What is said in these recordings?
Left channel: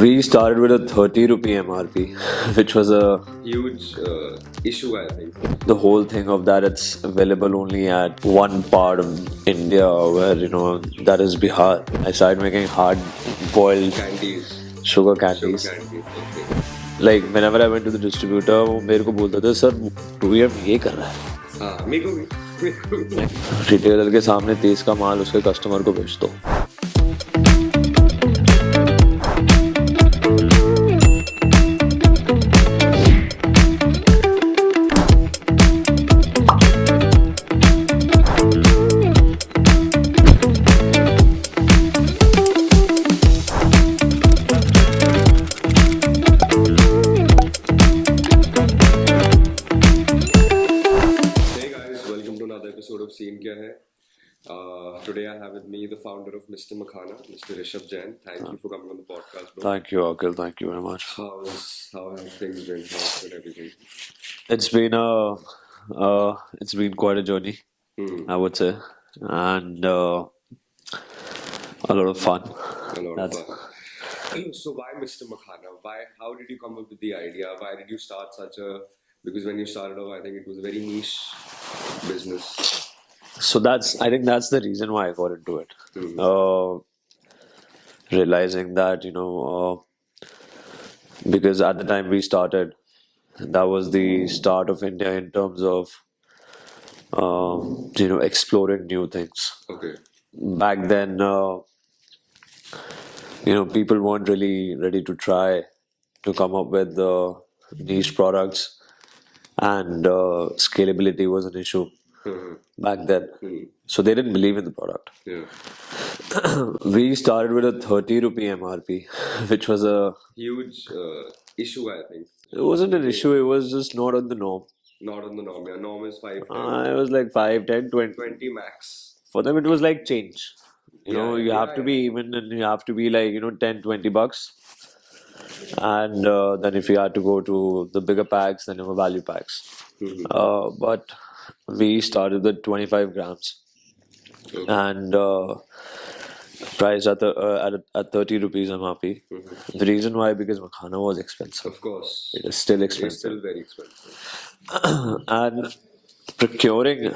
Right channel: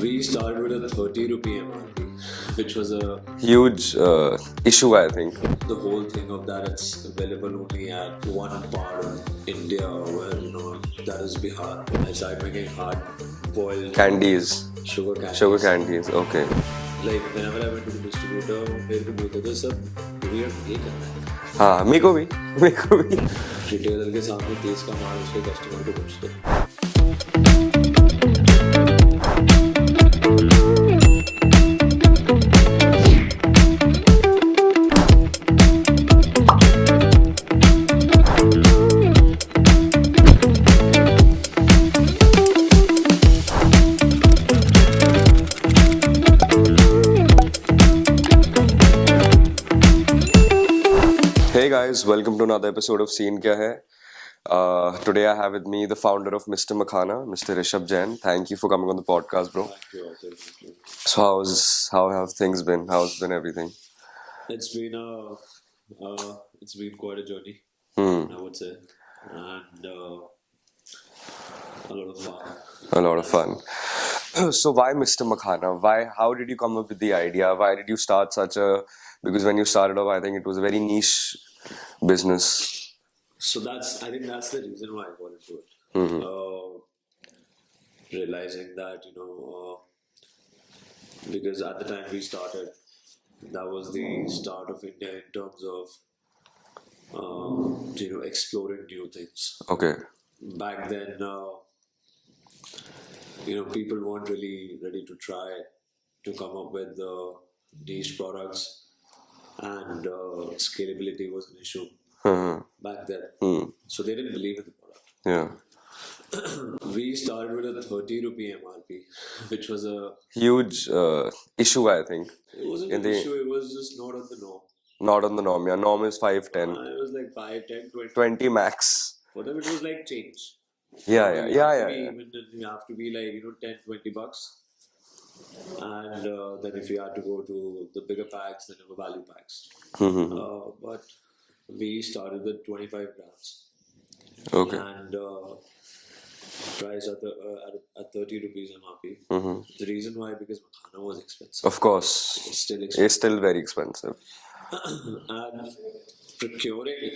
We started with a 30 rupee MRP, which was a Huge issue, I think. the whole thing of that it's available only at one part of India where that is Bihar. I started making hard boiled Candies, sugar sugar candies. candies. Okay. Like whenever I went to the distributor, वो मेरे को बोलता था sir VM ये कर रहा है. हाँ मेरे को भी रिटेलर के सामने तेज का माल उसके कस्टमर को बेच दो. Hey guys, welcome to another episode of Scene Kya Hai. Today I have with me the founder of Mr. Makhana, Mr. Rishabh Jain. Thank you for coming on the podcast, bro. Thank you, Akhil. Thank you very much. So how have things been? How's been everything? It's been it's been quite a journey, I would say, and a lot of fun. A lot of fun. So why Mr. Makhana? Why? How did you come up with the idea? Why did you start such a? Because when you started off, I think it was a very niche business. So I think that's the reason why I got into it. Realizing that because at the time we started, that was the start of India in terms of exploring new things. Okay. Back then, people weren't really ready to try to come up with niche products, and scalability was an issue back then. So they didn't believe in the product. Yeah. We started with a 30 rupee MRP, which was a Huge issue, I think. it wasn't an issue, it was just not on the norm. Not on the norm. Yeah, norm is 5, 10, It was like 5, 10, 20. 20 max. For them, it was like change. Yeah, You yeah, have to yeah, be yeah. even, and you have to be like 10, 20 bucks. And then if you had to go to the bigger packs, then there were value packs. But we started with 25 grams Okay. and priced at 30 rupees MRP. The reason why, because Makhana was expensive. Of course. It's still expensive. It's still very expensive. And procuring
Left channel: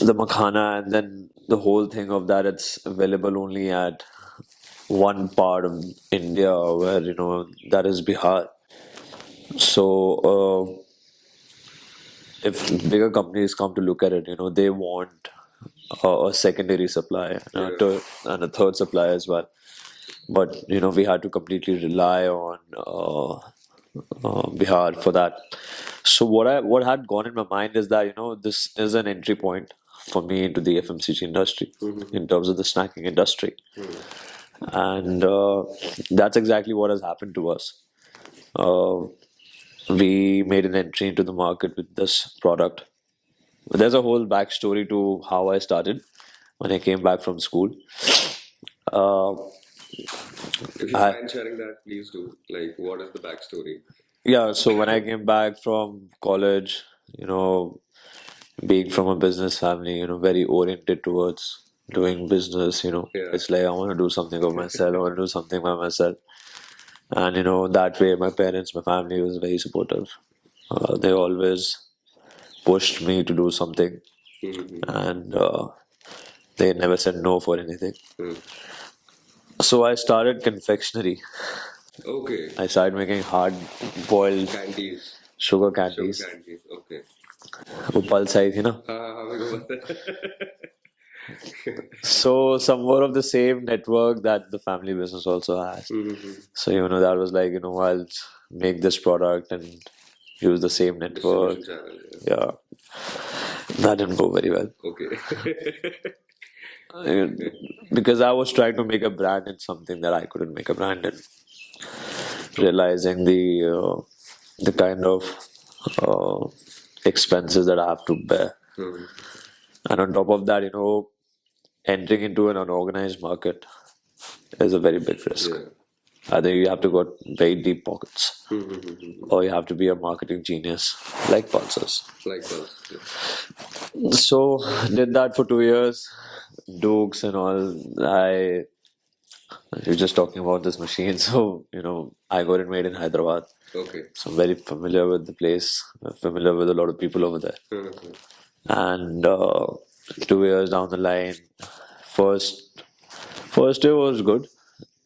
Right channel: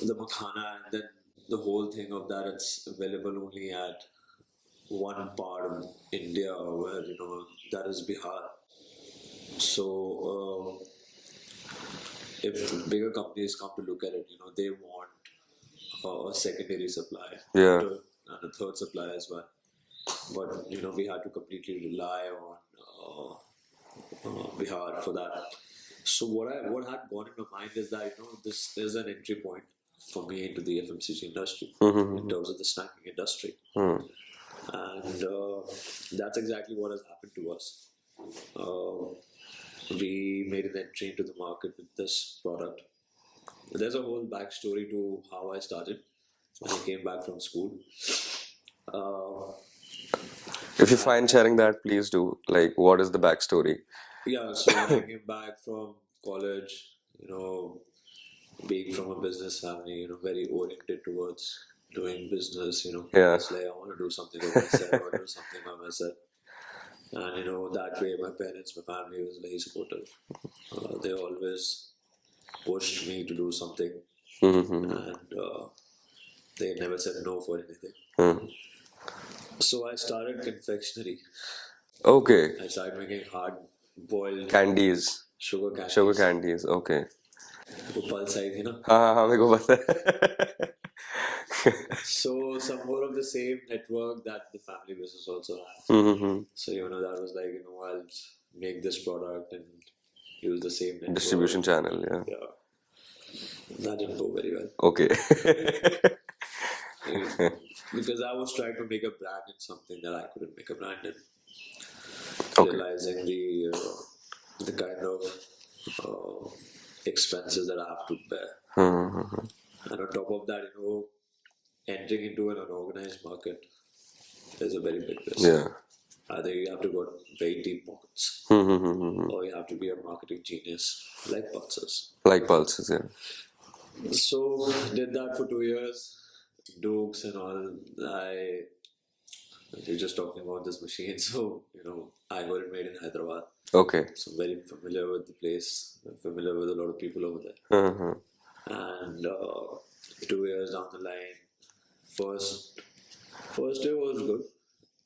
the Makhana and then the whole thing of that it's available only at one part of India where that is Bihar. So if bigger companies come to look at it, they want a secondary supply Yeah. and a third supply as well. But we had to completely rely on Bihar for that. So what had gone in my mind is that this is an entry point for me into the FMCG industry in terms of the snacking industry, and that's exactly what has happened to us. We made an entry into the market with this product. There's a whole backstory to how I started when I came back from school. If you find sharing that, please do. Like, what is the backstory? Yeah, so when I came back from college, being from a business family, very oriented towards doing business, Yeah. it's like I want to do something of myself, I want to do something by myself. And that way my parents, my family was very supportive. They always pushed me to do something, and they never said no for anything. So I started confectionery. Okay. I started making hard boiled Candies. sugar candies. Sugar candies. Okay. वो pulse आई थी ना. हाँ मेरे को पता है. So somewhat of the same network that the family business also has. So that was like I'll make this product and use the same network. Distribution channel. Yeah. Yeah, that didn't go very well Okay. because I was trying to make a brand in something that I couldn't make a brand in. Realizing the kind of expenses that I have to bear, and on top of that, entering into an unorganized market is a very big risk. Yeah. Either you have to got very deep pockets, or you have to be a marketing genius like Pulses. Like pulses. Yeah. So did that for 2 years, Dukes and all. I You're just talking about this machine, so I got it made in Hyderabad. Okay. So I'm very familiar with the place, familiar with a lot of people over there. Mm-hmm. And 2 years down the line, first first day was good.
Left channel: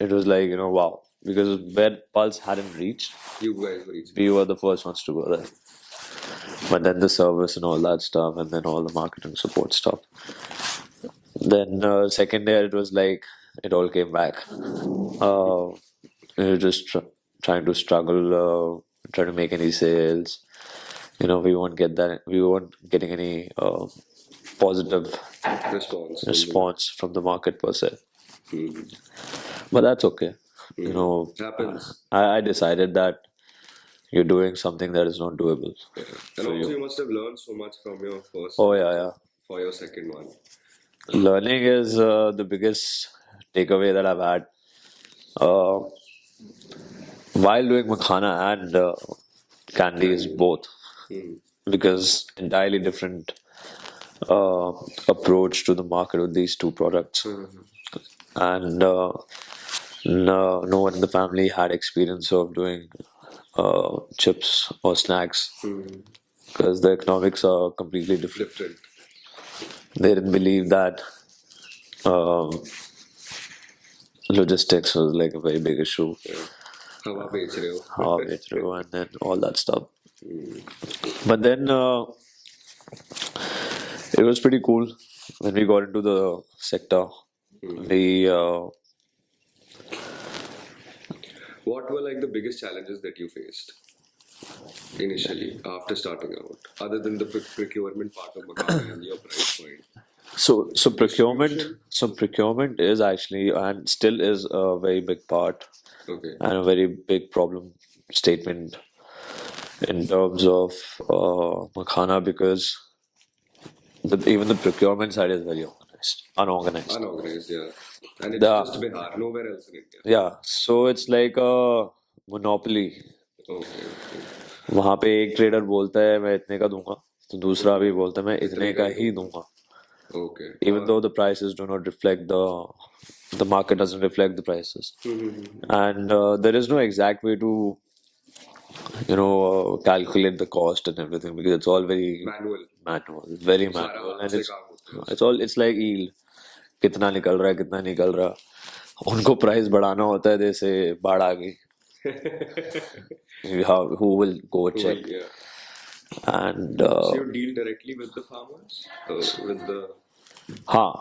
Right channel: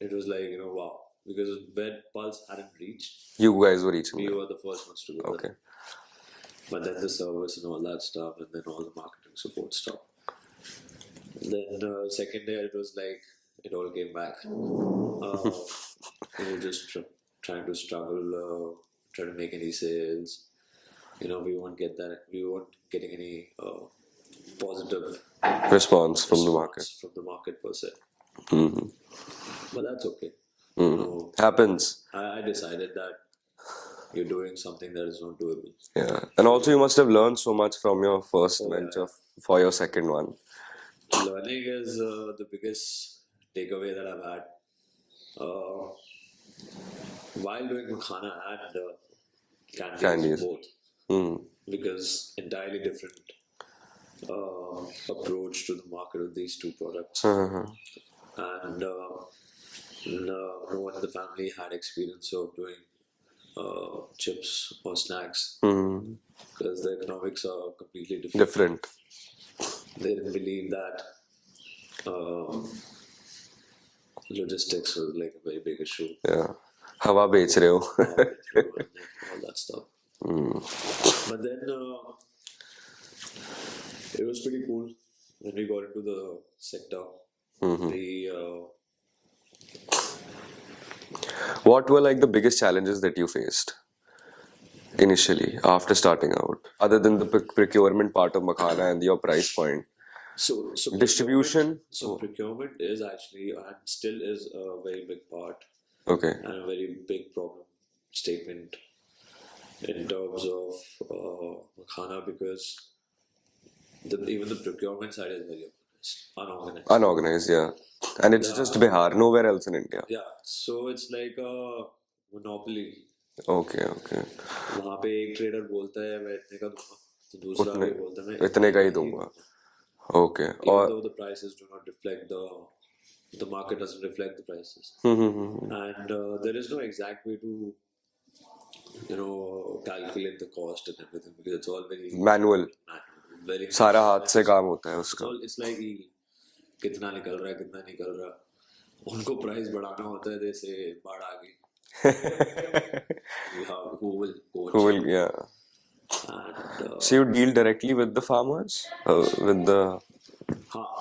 It was like wow, because where Pulse hadn't reached, You guys were reaching. we were the first ones to go there. But then the service and all that stuff, and then all the marketing support stuff. Then second day, it was like it all came back. We were just trying to struggle, try to make any sales. We won't get that. We weren't getting any positive Response from the market. response from the market per se. But that's okay. Happens. I decided that you're doing something that is not doable. Yeah. And also, you must have learned so much from your first Oh, yeah, venture yeah. for your second one. Learning is the biggest takeaway that I've had uh, while doing makhana and candies, Candies. both, because entirely different approach to the market with these two products. And no one in the family had experience of doing chips or snacks because the economics are completely different. Different. They didn't believe that logistics was like a very big issue. Yeah. हवा बेच रहे हो. Halfway through and then all that stuff. But then it was pretty cool when we got into the sector. We What were like the biggest challenges that you faced initially after starting out, other than the procurement part of Makhana and your price point? so Distribution? procurement is actually and still is a very big part Okay. and a very big problem statement in terms of makhana because even the procurement side is very unorganized. Unorganized, yeah. And it's just Bihar, nowhere else in India. Yeah, so it's like a monopoly. Okay, okay. वहां पे एक trader बोलता है मैं इतने का दूंगा तो दूसरा भी बोलता है मैं इतने का ही दूंगा. Okay. Even though the prices do not reflect the market doesn't reflect the prices. And there is no exact way to calculate the cost and everything because it's all very Manual. It's very manual. सारा हाथ And से काम होता है उसका. it's like yield. कितना निकल रहा है कितना निकल रहा है. उनको प्राइस बढ़ाना होता है जैसे बाढ़ आ गई. Who will go check? Yeah. And So you deal directly with the farmers? With the...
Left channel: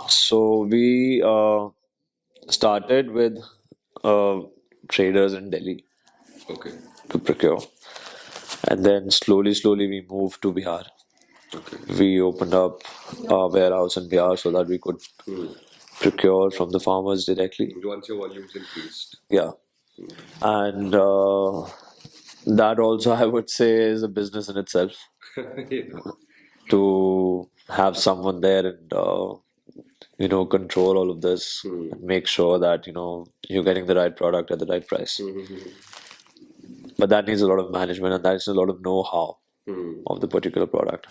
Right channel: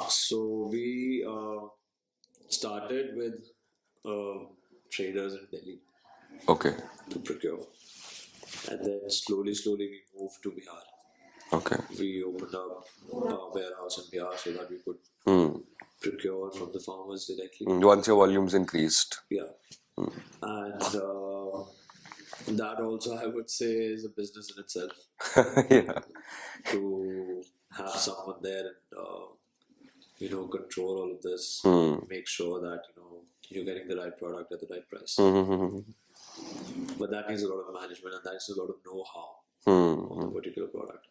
so we started with traders in Delhi Okay. to procure, and then slowly we moved to Bihar. Okay. We opened up a warehouse in Bihar so that we could procure from the farmers directly. Once your volumes increased. Yeah, and that also I would say is a business in itself. Yeah. To have someone there and control all of this, make sure that you're getting the right product at the right price. But that needs a lot of management and that's a lot of know-how of the particular product.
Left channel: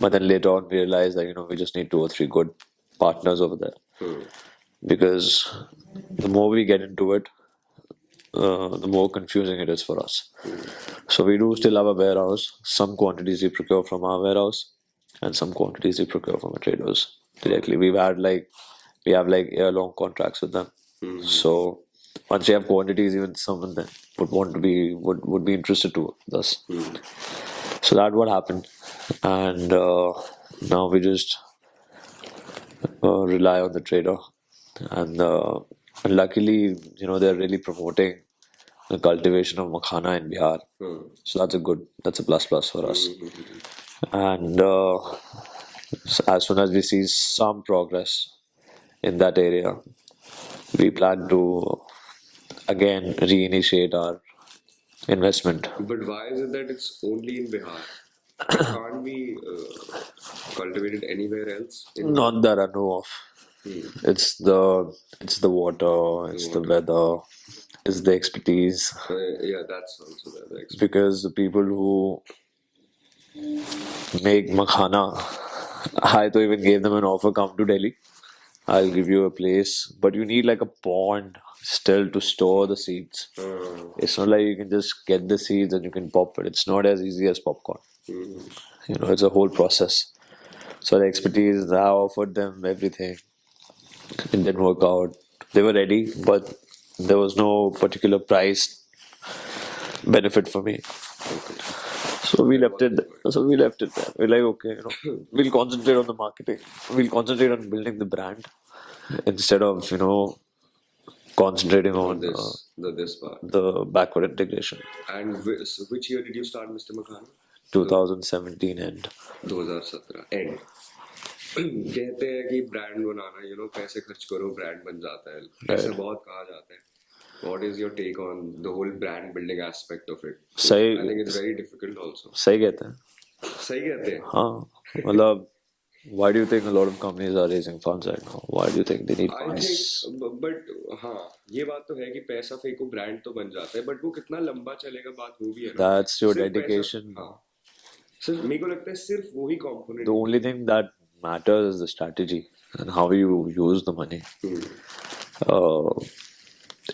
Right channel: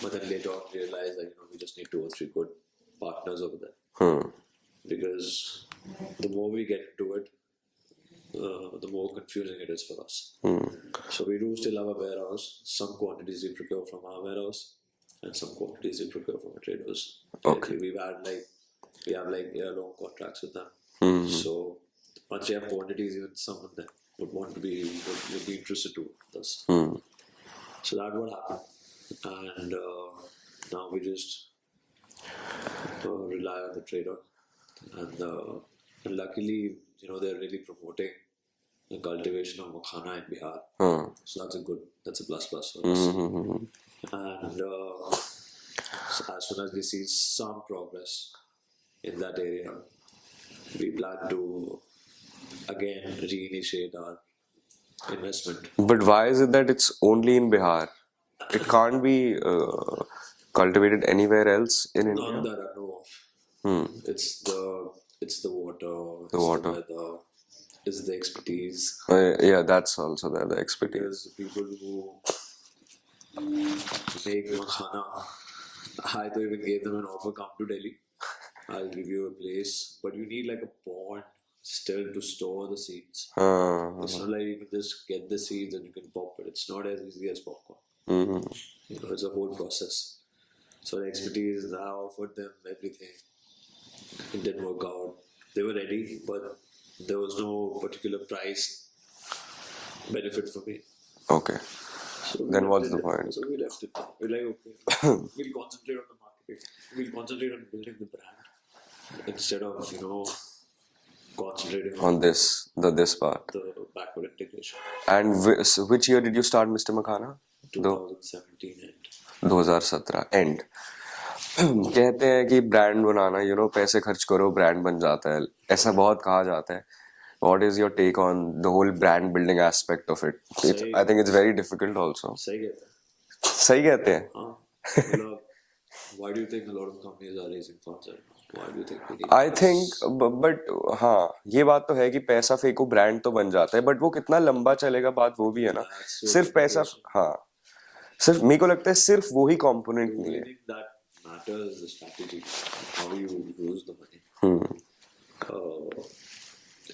But then later on we realized that we just need 2 or 3 good partners over there because the more we get into it, the more confusing it is for us. So we do still have a warehouse. Some quantities we procure from our warehouse and some quantities we procure from our traders directly. We have like year-long contracts with them. So once you have quantities, even someone that would be interested to us. So that's what happened, and now we just rely on the trader, and luckily they're really promoting the cultivation of makhana in Bihar. So that's a plus for us. And so as soon as we see some progress in that area, we plan to again reinitiate our investment. But why is it that it's only in Bihar? It can't be cultivated anywhere else in India? Not that I know of. It's the water, it's the weather, it's the expertise. Yeah, that's also there. The Because the people who make makhana, I even gave them an offer, come to Delhi. I'll give you a place, but you need like a pond still to store the seeds. It's not like you can just get the seeds and you can pop it. It's not as easy as popcorn. You know, it's a whole process. So the expertise, I offered them everything. It didn't work out. They were ready, but there was no particular price benefit for me. Okay. So we Then left what's it. the point? So we left it there. We're like, okay, you know, we'll concentrate on the marketing. We'll concentrate on building the brand instead of concentrating On on this part. the backward integration. And which year did you start Mr. Makhana? 2017 end. 2017 and कहते हैं कि brand बनाना पैसे खर्च करो brand बन जाता है ऐसा बहुत कहा जाता है what is your take on the whole brand building aspect of it सही- I think it's very difficult also सही कहते हैं. सही कहते हैं हाँ, मतलब why do you think a lot of companies are raising funds right now? Why do you think they need I funds? Think but हाँ ये बात तो है कि पैसा फेंको ब्रांड तो बन जाता है बट वो कितना लंबा चलेगा बात वो भी है ना That's your सिर्फ पैसा dedication. हाँ सिर्फ मेरे को लगता है सिर्फ वही component The only thing that matters is the strategy and how you use the money.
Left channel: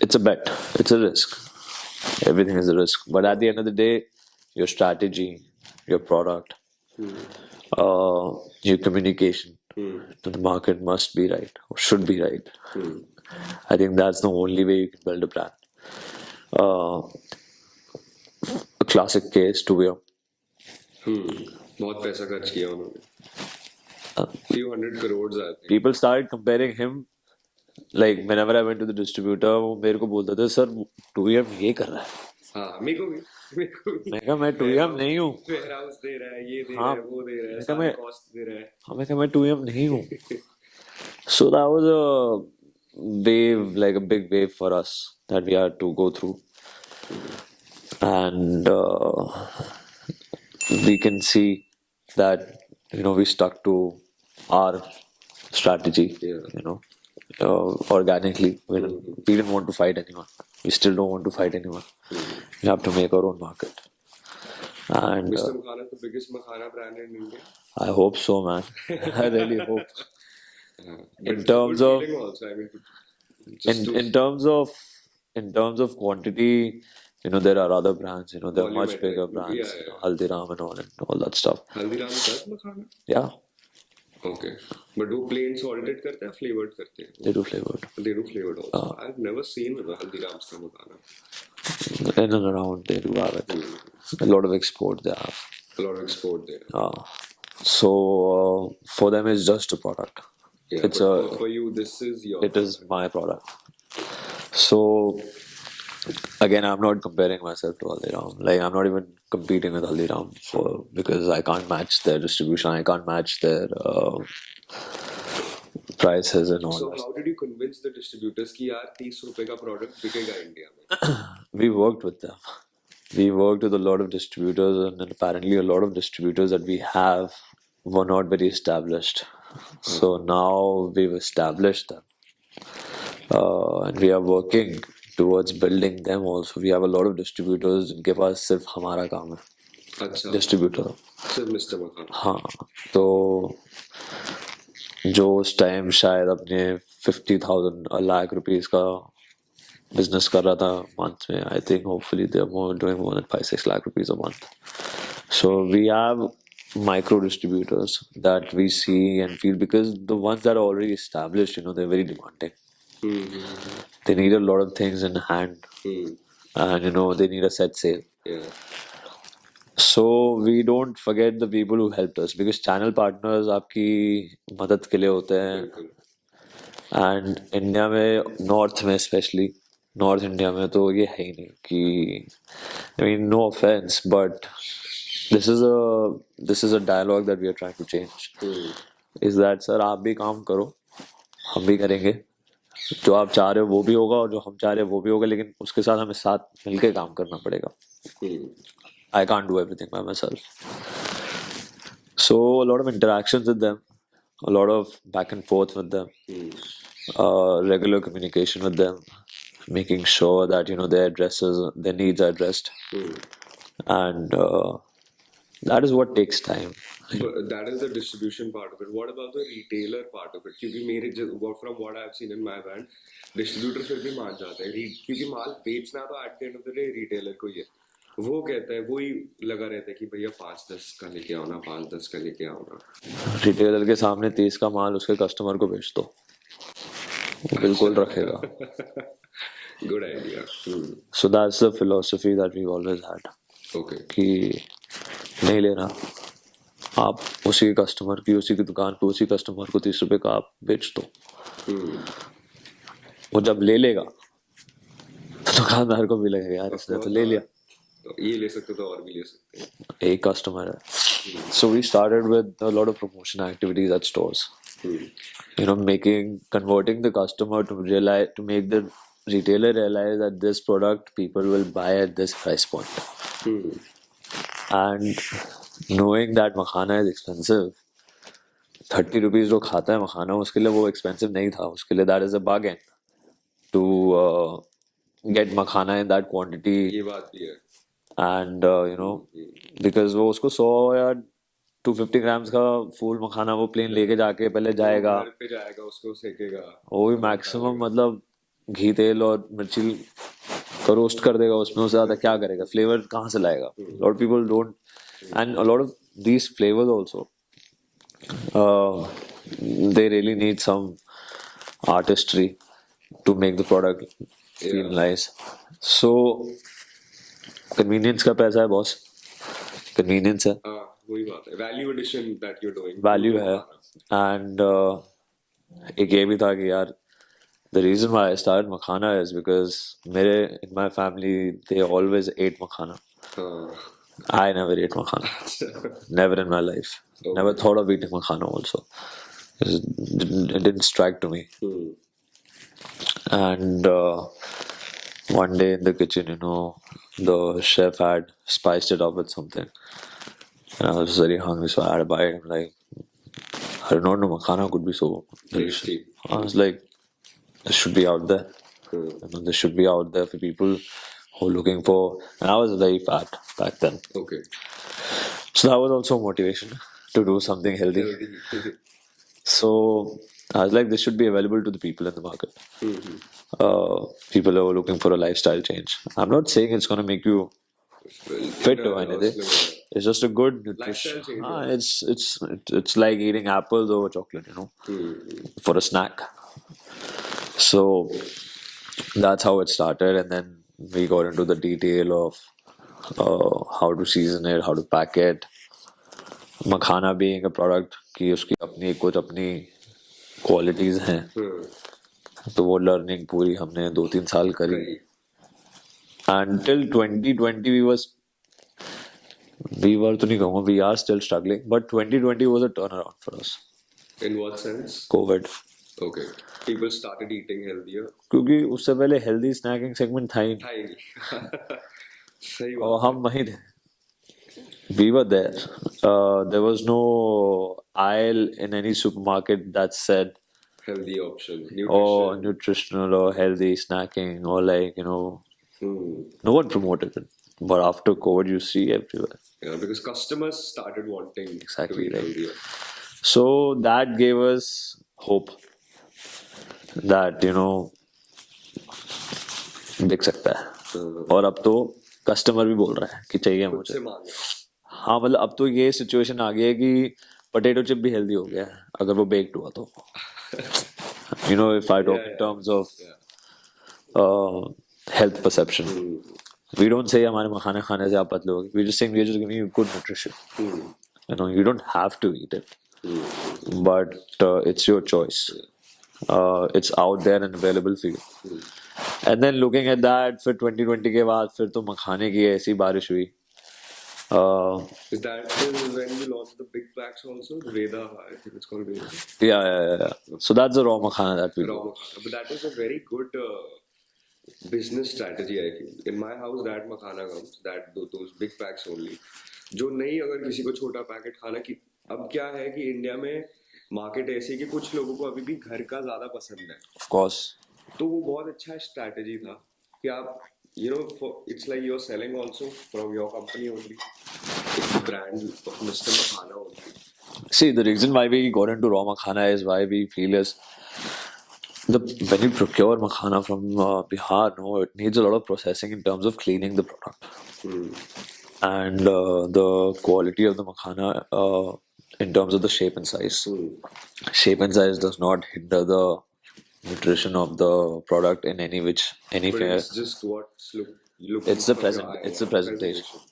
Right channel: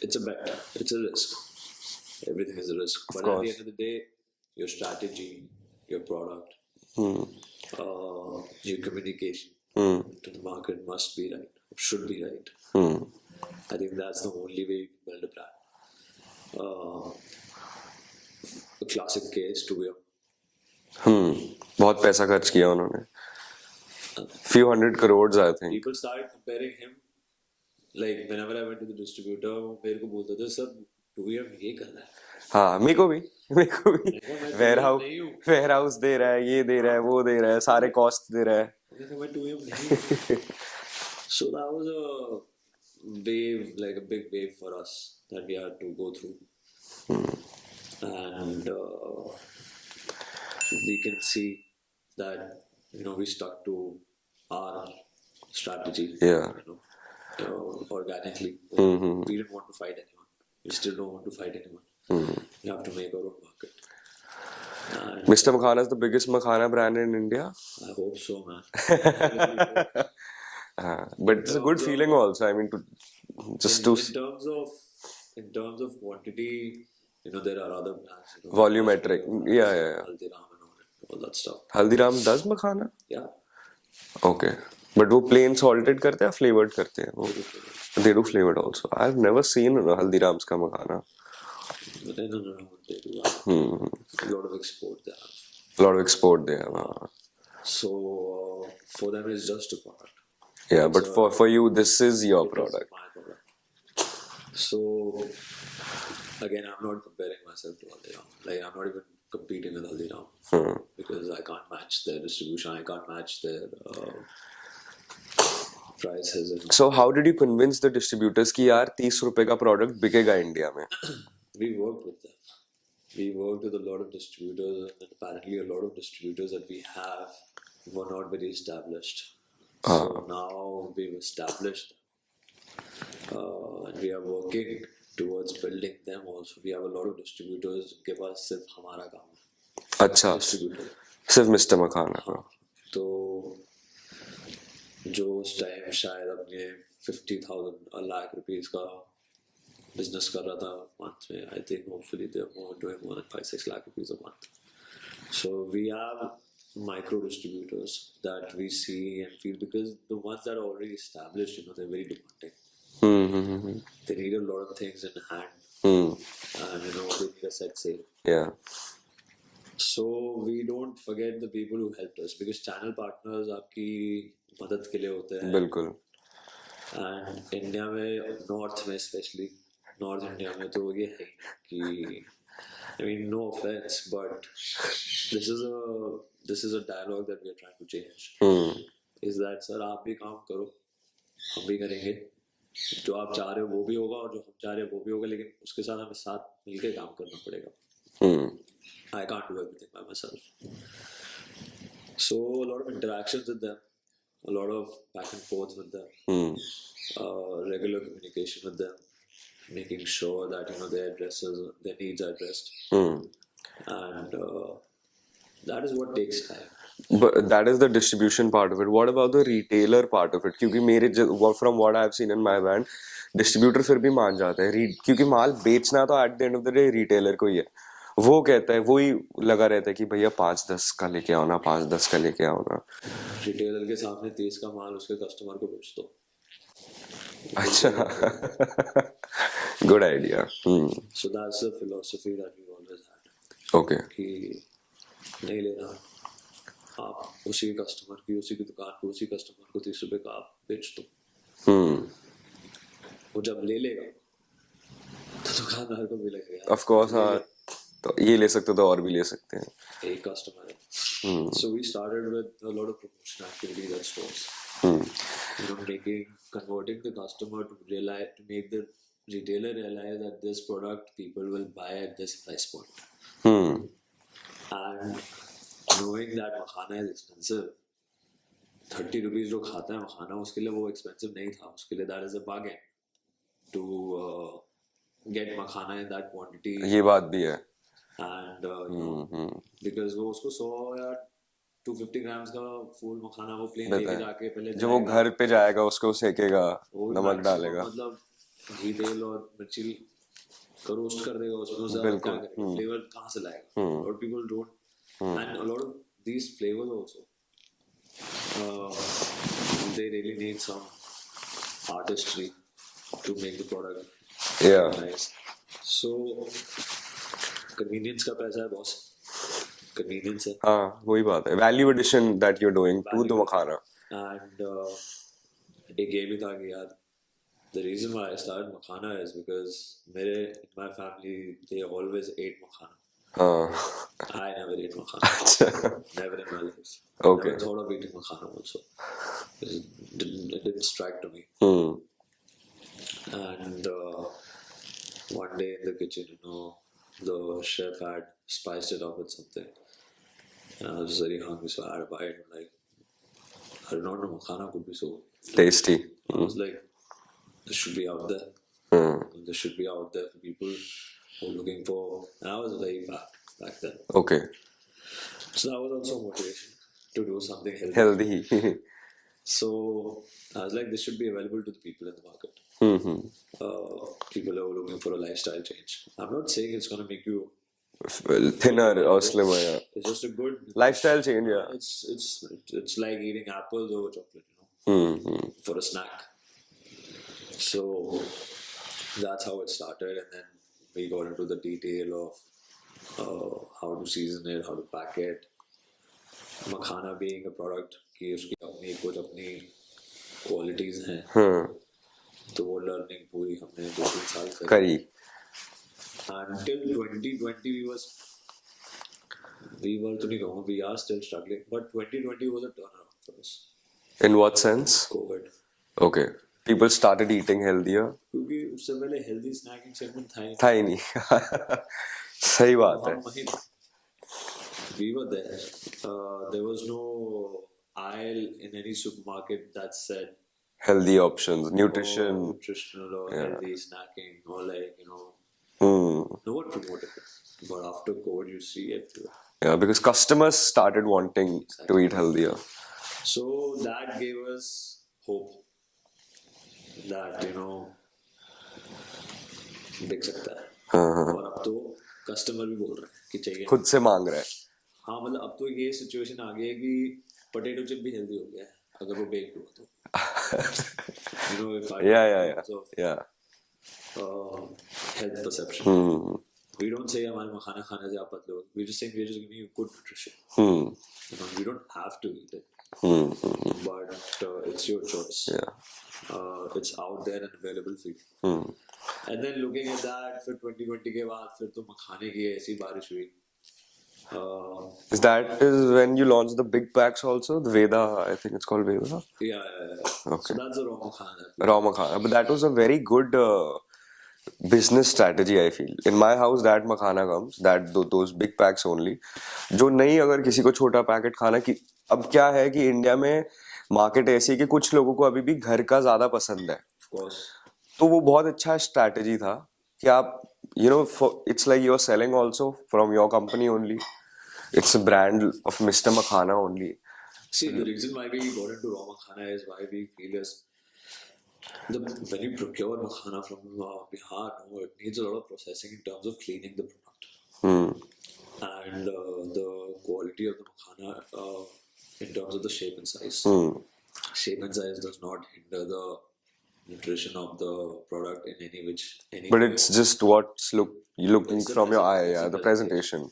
It's a bet. It's a risk. Everything is a risk. But at the end of the day, your strategy, your product, your communication to the market must be right or should be right. I think that's the only way you can build a brand. A classic case to be बहुत पैसा खर्च किया उन्होंने few hundred crores I think people started comparing him. Like whenever I went to the distributor, वो मेरे को बोलते थे सर 2M ये कर रहा है. हाँ मेरे को भी मैं कहा मैं 2M नहीं हूँ. वेयर हाउस दे रहा है ये दे रहा है वो दे रहा है सारे कॉस्ट दे रहा है मैं कहा मैं 2M नहीं हूँ. So that was a wave, like a big wave for us that we had to go through, and we can see that we stuck to our strategy. Yeah. Organically. We didn't want to fight anyone. We still don't want to fight anyone. We have to make our own market. And Mr. Makhana is the biggest Makhana brand in India. I hope so, man. I really hope. But it's a good feeling also. I mean, in terms of quantity, there are other brands. There are much Volumetric. bigger brands. Yeah. Haldiram and all that stuff. Haldiram does Makhana? Yeah, Okay. But वो plain salted करते हैं flavored करते हैं they do flavored. They do flavored also. I've never seen Haldiram's का Makhana. In and around they do have it. A lot of export they have. A lot of export there. So for them it's just a product. Yeah, It's but for you this is your It product. is my product. So again, I'm not comparing myself to Haldiram. Like I'm not even competing with Haldiram because I can't match their distribution. I can't match their prices and all. So how did you convince the distributors कि यार 30 रुपए का product बिकेगा India में? We worked with them. We worked with a lot of distributors, and apparently a lot of distributors that we have were not very established. So now we've established them, and we are working towards building them also. We have a lot of distributors जिनके पास सिर्फ हमारा काम है. अच्छा Distributor. सिर्फ Mr. Makhana. हाँ, तो जो उस टाइम शायद अपने 50,000 a lakh rupees का बिजनेस कर रहा था मंथ में, I think hopefully they are doing more than 5-6 lakh rupees a month. So we have micro distributors that we see and feel, because the ones that are already established, they're very demanding. They need a lot of things in hand, and they need a set sale. Yeah. So we don't forget the people who helped us, because channel partners आपकी मदद के लिए होते हैं. बिल्कुल. And India में north में specially north India में तो ये है ही नहीं कि I mean no offense, but this is a dialogue that we are trying to change. Is that sir आप भी काम करो, हम भी करेंगे, जो आप चाह रहे हो वो भी होगा और जो हम चाह रहे हो वो भी होगा, लेकिन उसके साथ हमें साथ मिलके काम करना पड़ेगा. I can't do everything by myself. So a lot of interactions with them, a lot of back and forth with them, regular communication with them, making sure that their needs are addressed, and That is what takes time. But that is the distribution part of it. What about the retailer part of it? क्योंकि मेरे from what I've seen in my brand, distributor फिर भी मान जाते हैं क्योंकि माल बेचना तो at the end of the day retailer को ही है. वो कहता है, वो ही लगा रहता है कि भैया 5-10 का लेके आओ ना, 5-10 का लेके आओ ना. रिटेलर के सामने 30 का माल उसके कस्टमर को बेच दो, वो बिल्कुल रखेगा. Good idea. So that's the philosophy that we've always had. Okay. कि नहीं लेना, आप उसी के कस्टमर की, उसी की दुकान पे उसी कस्टमर को 30 रुपए का आप बेच दो. वो जब ले लेगा तो दुकानदार को भी लगेगा यार Of course, ले लिया, तो ये ले सकते हो तो और भी ले सकते हैं. एक कस्टमर है. So we started with a lot of promotion activities at stores. You know, converting the customer to realize, to make the retailer realize that this product people will buy at this price point. And knowing that makhana is expensive, 30 rupees जो खाता है मखाना, उसके लिए वो expensive नहीं था. उसके लिए that is a bargain to get makhana in that quantity. ये बात भी है. And you know, because वो उसको 100 या 250 grams का फूल मखाना वो प्लेन लेके जाके पहले जाएगा, घर पे जाएगा, उसको सेकेगा, वो भी मैक्सिमम मतलब घी तेल और मिर्ची को रोस्ट कर देगा उसमें, उससे ज्यादा क्या करेगा, फ्लेवर कहाँ से लाएगा. Lot people don't, and a lot of these flavours also they really need some artistry to make the product feel nice. So convenience का पैसा है बॉस, convenience है. हाँ वही बात है, value addition that you're doing, value तो है. खाना. And एक ये भी था कि यार the reason why I started makhana is because in my family they always ate makhana. I never ate makhana. Never in my life. Okay. Never thought of eating makhana also. It didn't strike to me. And one day in the kitchen, you know, the chef had spiced it up with something. And I was very hungry, so I had a bite. I'm like, I did not know makhana could be so tasty. I was like, this should be out there. You know, this should be out there for people who are looking for. And I was very fat back then. Okay. So that was also motivation to do something healthy. Healthy. So I was like, this should be available to the people in the market. People who are looking for a lifestyle change. I'm not saying it's going to make you thinner or slimmer. Yeah. It's just a good lifestyle change. Yeah. It's like eating apples over chocolate, you know, for a snack. So that's how it started, and then we got into the detail of how to season it, how to pack it. Makhana being a product कि उसकी अपनी कुछ अपनी qualities हैं, तो वो learning पूरी हमने 2-3 साल करी. Until 2020 we were तो नहीं कहूँगा, we are still struggling, but 2020 was a turnaround for us. In what sense? COVID. Okay. People started eating healthier. क्योंकि उससे पहले healthy snacking segment था ही नहीं. सही बात है. हम वहीं थे. We were there. There was no aisle in any supermarket that said healthy options, nutrition, or nutritional or healthy snacking, or like, you know, no one promoted it. But after COVID, you see everywhere. Yeah, because customers started wanting to eat healthier. So that gave us hope that, you know, बिक सकता है. और अब तो customer भी बोल रहा है कि चाहिए, खुद से मांग रहा है. हाँ, मतलब अब तो ये सिचुएशन आ गई है कि पोटैटो चिप भी हेल्दी हो गया है अगर वो बेक्ड हुआ तो. You know, if I talk in terms of health perception, we don't say हमारे मखाने खाने से आप पतले हो गए. We just saying we are just giving you good nutrition. You know, you don't have to eat it, but it's your choice. It's out there and available for you. And then looking at that, फिर 2020 के बाद फिर तो मखाने की ऐसी बारिश हुई. Is that when you launched the big packs also? The Veda, I think it's called Veda. Yeah. Okay. So that's the raw makhana that we raw makhana. But that was a very good business strategy, I feel. In my house, that makhana comes, those big packs only. जो नहीं, अगर किसी को छोटा packet खाना की, अब क्या है कि इंडिया में मार्केट ऐसी है कि कुछ लोगों को अभी भी घर का ज्यादा पसंद है. Of course. तो वो बहुत अच्छा स्ट्रैटेजी था कि आप, you know, it's like you're selling also from your company only. It's a brand of Mr. Makhana only. See, the reason why we got into raw makhana is why we feel is when you procure makhana from Bihar, no, it needs a lot of processing in terms of cleaning the product. And the quality of the makhana in terms of the shape and size. Shape and size does not hinder the nutrition of the product in any But fair. it's just what's looking It's the from your eye, it's the the presentation. presentation.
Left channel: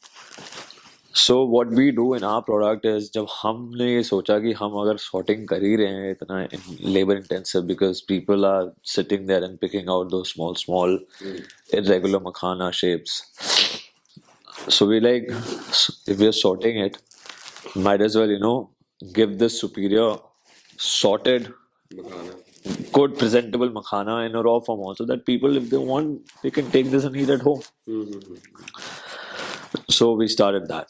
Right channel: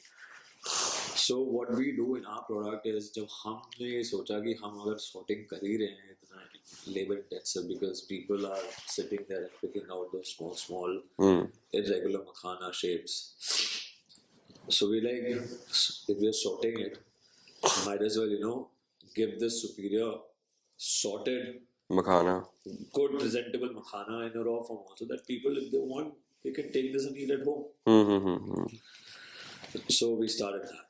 So what we do in our product is जब हमने ये सोचा कि हम अगर sorting कर ही रहे हैं इतना labor intensive because people are sitting there and picking out those small irregular makhana shapes. So we like if we're sorting it, might as well give this superior sorted Makhana. good presentable makhana in a raw form also that people if they want they can take this and eat at home. So we started that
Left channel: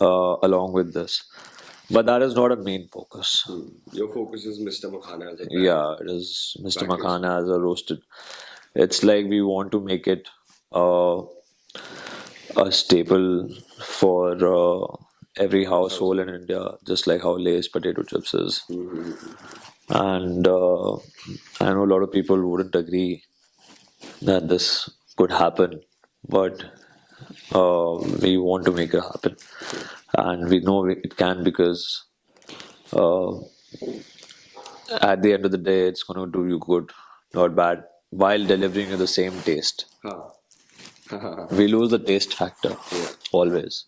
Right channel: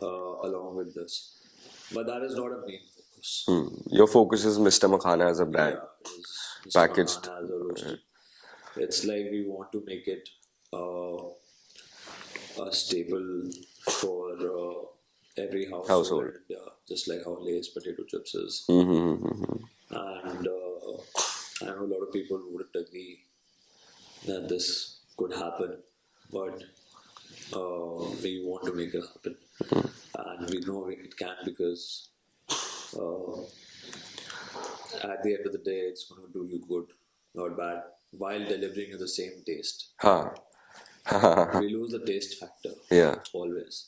along with this, but that is not a main focus. Your focus is Mr. Makhana as a brand. Yeah, it is Mr. Packaged. Makhana as a roasted. It's like we want to make it a staple for every household in India, just like how Lay's potato chips is. And I know a lot of people wouldn't agree that this could happen, but we want to make it happen. And we know it can because at the end of the day, it's going to do you good, not bad, while delivering you the same taste. Huh. We lose the taste factor. Yeah. Always.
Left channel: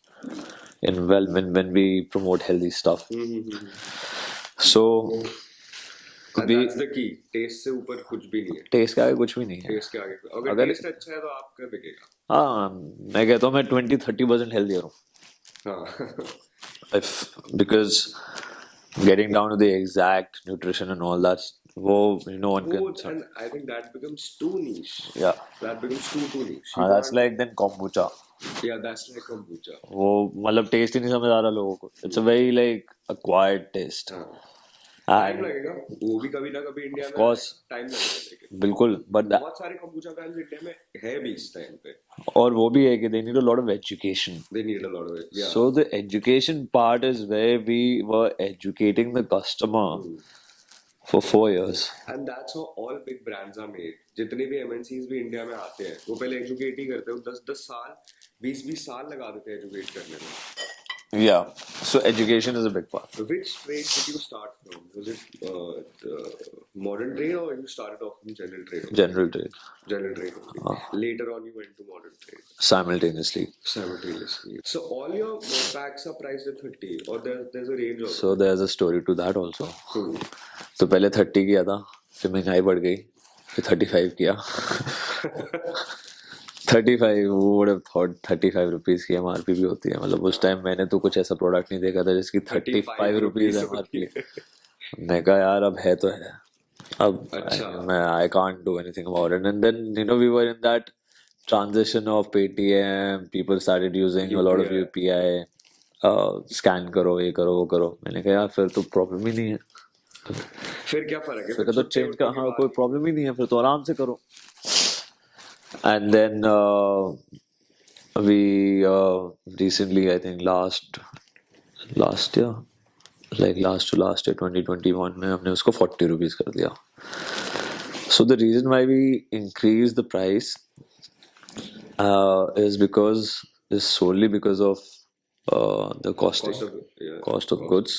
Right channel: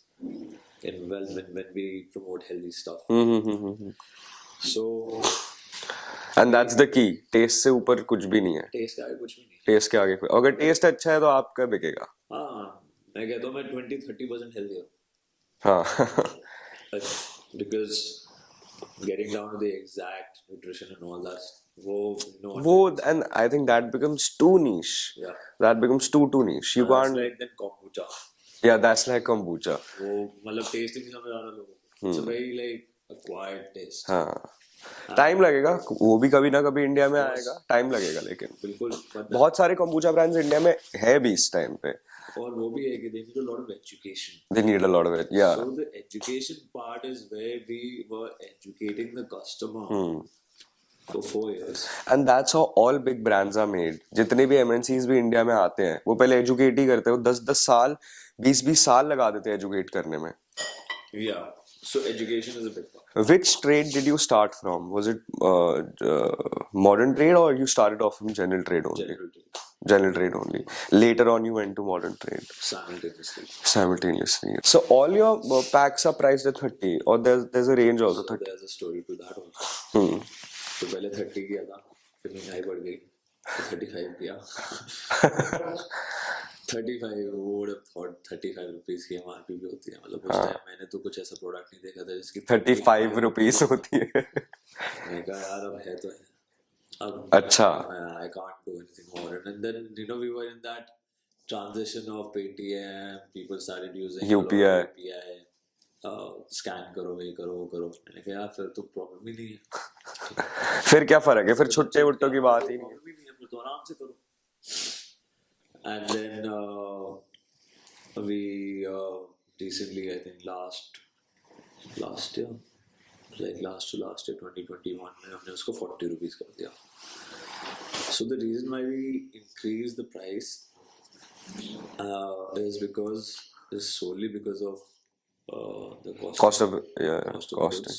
When we promote healthy stuff. So And that's the key. Taste से ऊपर कुछ भी नहीं है. taste का आगे कुछ भी नहीं है. Taste के आगे कोई. अगर taste अच्छा है तो आपका बिकेगा. हाँ, मैं कहता हूँ मैं 20-30% healthier हूँ. हाँ. Because getting down to the exact nutrition and all that, no one can. And I think that becomes too niche. Yeah. That becomes too niche. You That's can't. like then kombucha. Yeah, that's like kombucha. वो मतलब taste ही नहीं समझ आ रहा लोगों को. It's a very like acquired taste. हाँ. Time लगेगा वो भी कभी ना कभी इंडिया में आएगा टाइम लगेगा लेकिन बिल्कुल बट बहुत सारे kombucha brands इंडिया में है भी इस टाइम पे और वो भी है कि they need a lot of education. They need a lot of it. Yeah. So the education part is where we were educating the customer for 4 years. And that's how all big brands are made. जितने भी MNCs भी India में आते हैं वो पहले educate ही करते हैं वो 10-10 साल 20-20 साल लगा देते हैं एजुकेट करने में. Yeah. So education is a big part. Which trade did you start from? Was it modern trade or you started off from general trade only? General trade. General trade only. Later on you went to modern trade. Simultaneously. So all your packs are priced at 30 or there's a range also? So there's a story to that also. तो पहले 30 किया था फिर महंगाई बढ़ गई तो 35 किया 35 would have thought 35 रुपीस की MRP भी होती है मतलब उस टाइम मैंने तो कुछ ऐसा प्रोडक्ट नहीं देखा था जिसकी 35 रुपीस होती है. मैं कहा यार अब है तो है अब अच्छा मैं I can't do anything about it and then we were in that transition of Paytm people started using a lot of UPI scan करो ये करो वो करो मैंने कहा यार फिर तो प्रॉब्लम ही नहीं है फिर क्या फर्क है फिर छुट्टे उठने की बात कोई प्रॉब्लम ही नहीं है फिर तो आराम से करो and then we recently I think last year like last to last year 2021 में हमने उसको 40 rupees कर दिया. So the reason why we increased the price is solely because of the cost of goods.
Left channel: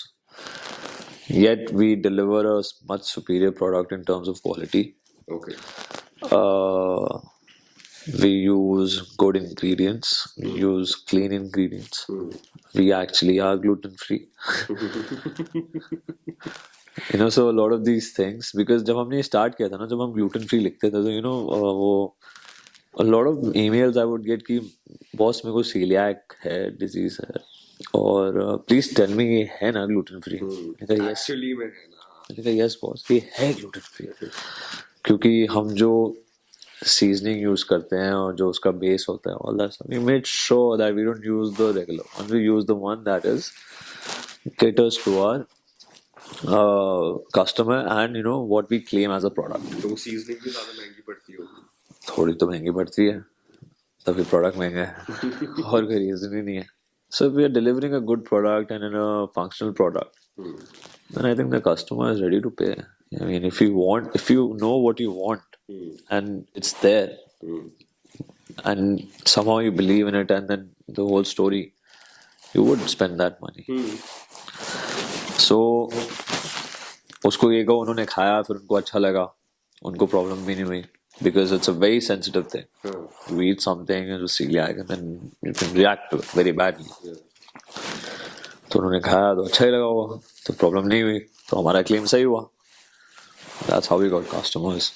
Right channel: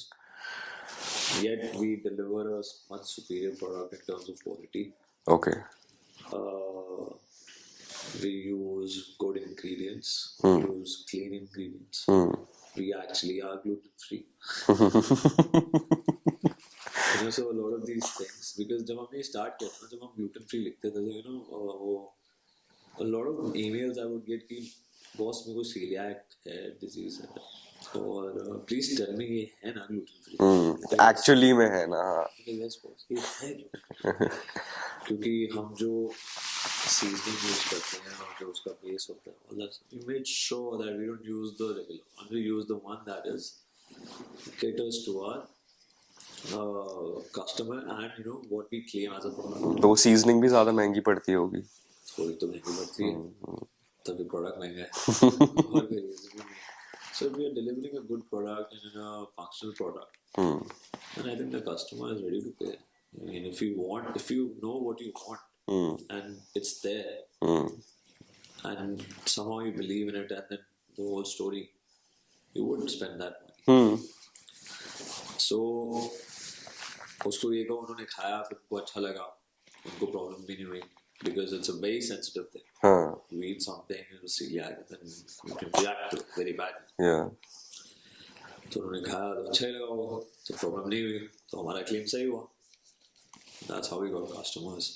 Yet we deliver a much superior product in terms of quality. Okay. We use good ingredients. We use clean ingredients. We actually are gluten free. So a lot of these things because जब हमने start किया था ना जब हम gluten free लिखते थे तो वो a lot of emails I would get कि boss मेरे को celiac है disease है और please tell me ये है ना gluten free. Actually में है ना. Yes boss ये है gluten free. क्योंकि हम जो seasoning use करते हैं और जो उसका base होता है all that stuff we made sure that we don't use the regular one we use the one that is caters to our customer and what we claim as a product. तो seasoning भी ज़्यादा महंगी पड़ती होगी. थोड़ी तो महंगी पड़ती है तभी प्रोडक्ट महंगा है और कोई रीजन ही नहीं है. So if we are delivering a good product and in a functional product, then I think the customer is ready to pay. I mean, if you know what you want and it's there, and somehow you believe in it, and then the whole story, you would spend that money. So उसको ये कहो उन्होंने खाया फिर उनको अच्छा लगा उनको प्रॉब्लम भी नहीं हुई because it's a very sensitive thing. You eat something and you see celiac and then you can react to it very badly. Yeah. तो उन्होंने खाया तो अच्छा ही लगा वो तो प्रॉब्लम नहीं हुई तो हमारा क्लेम सही हुआ. That's how we got customers.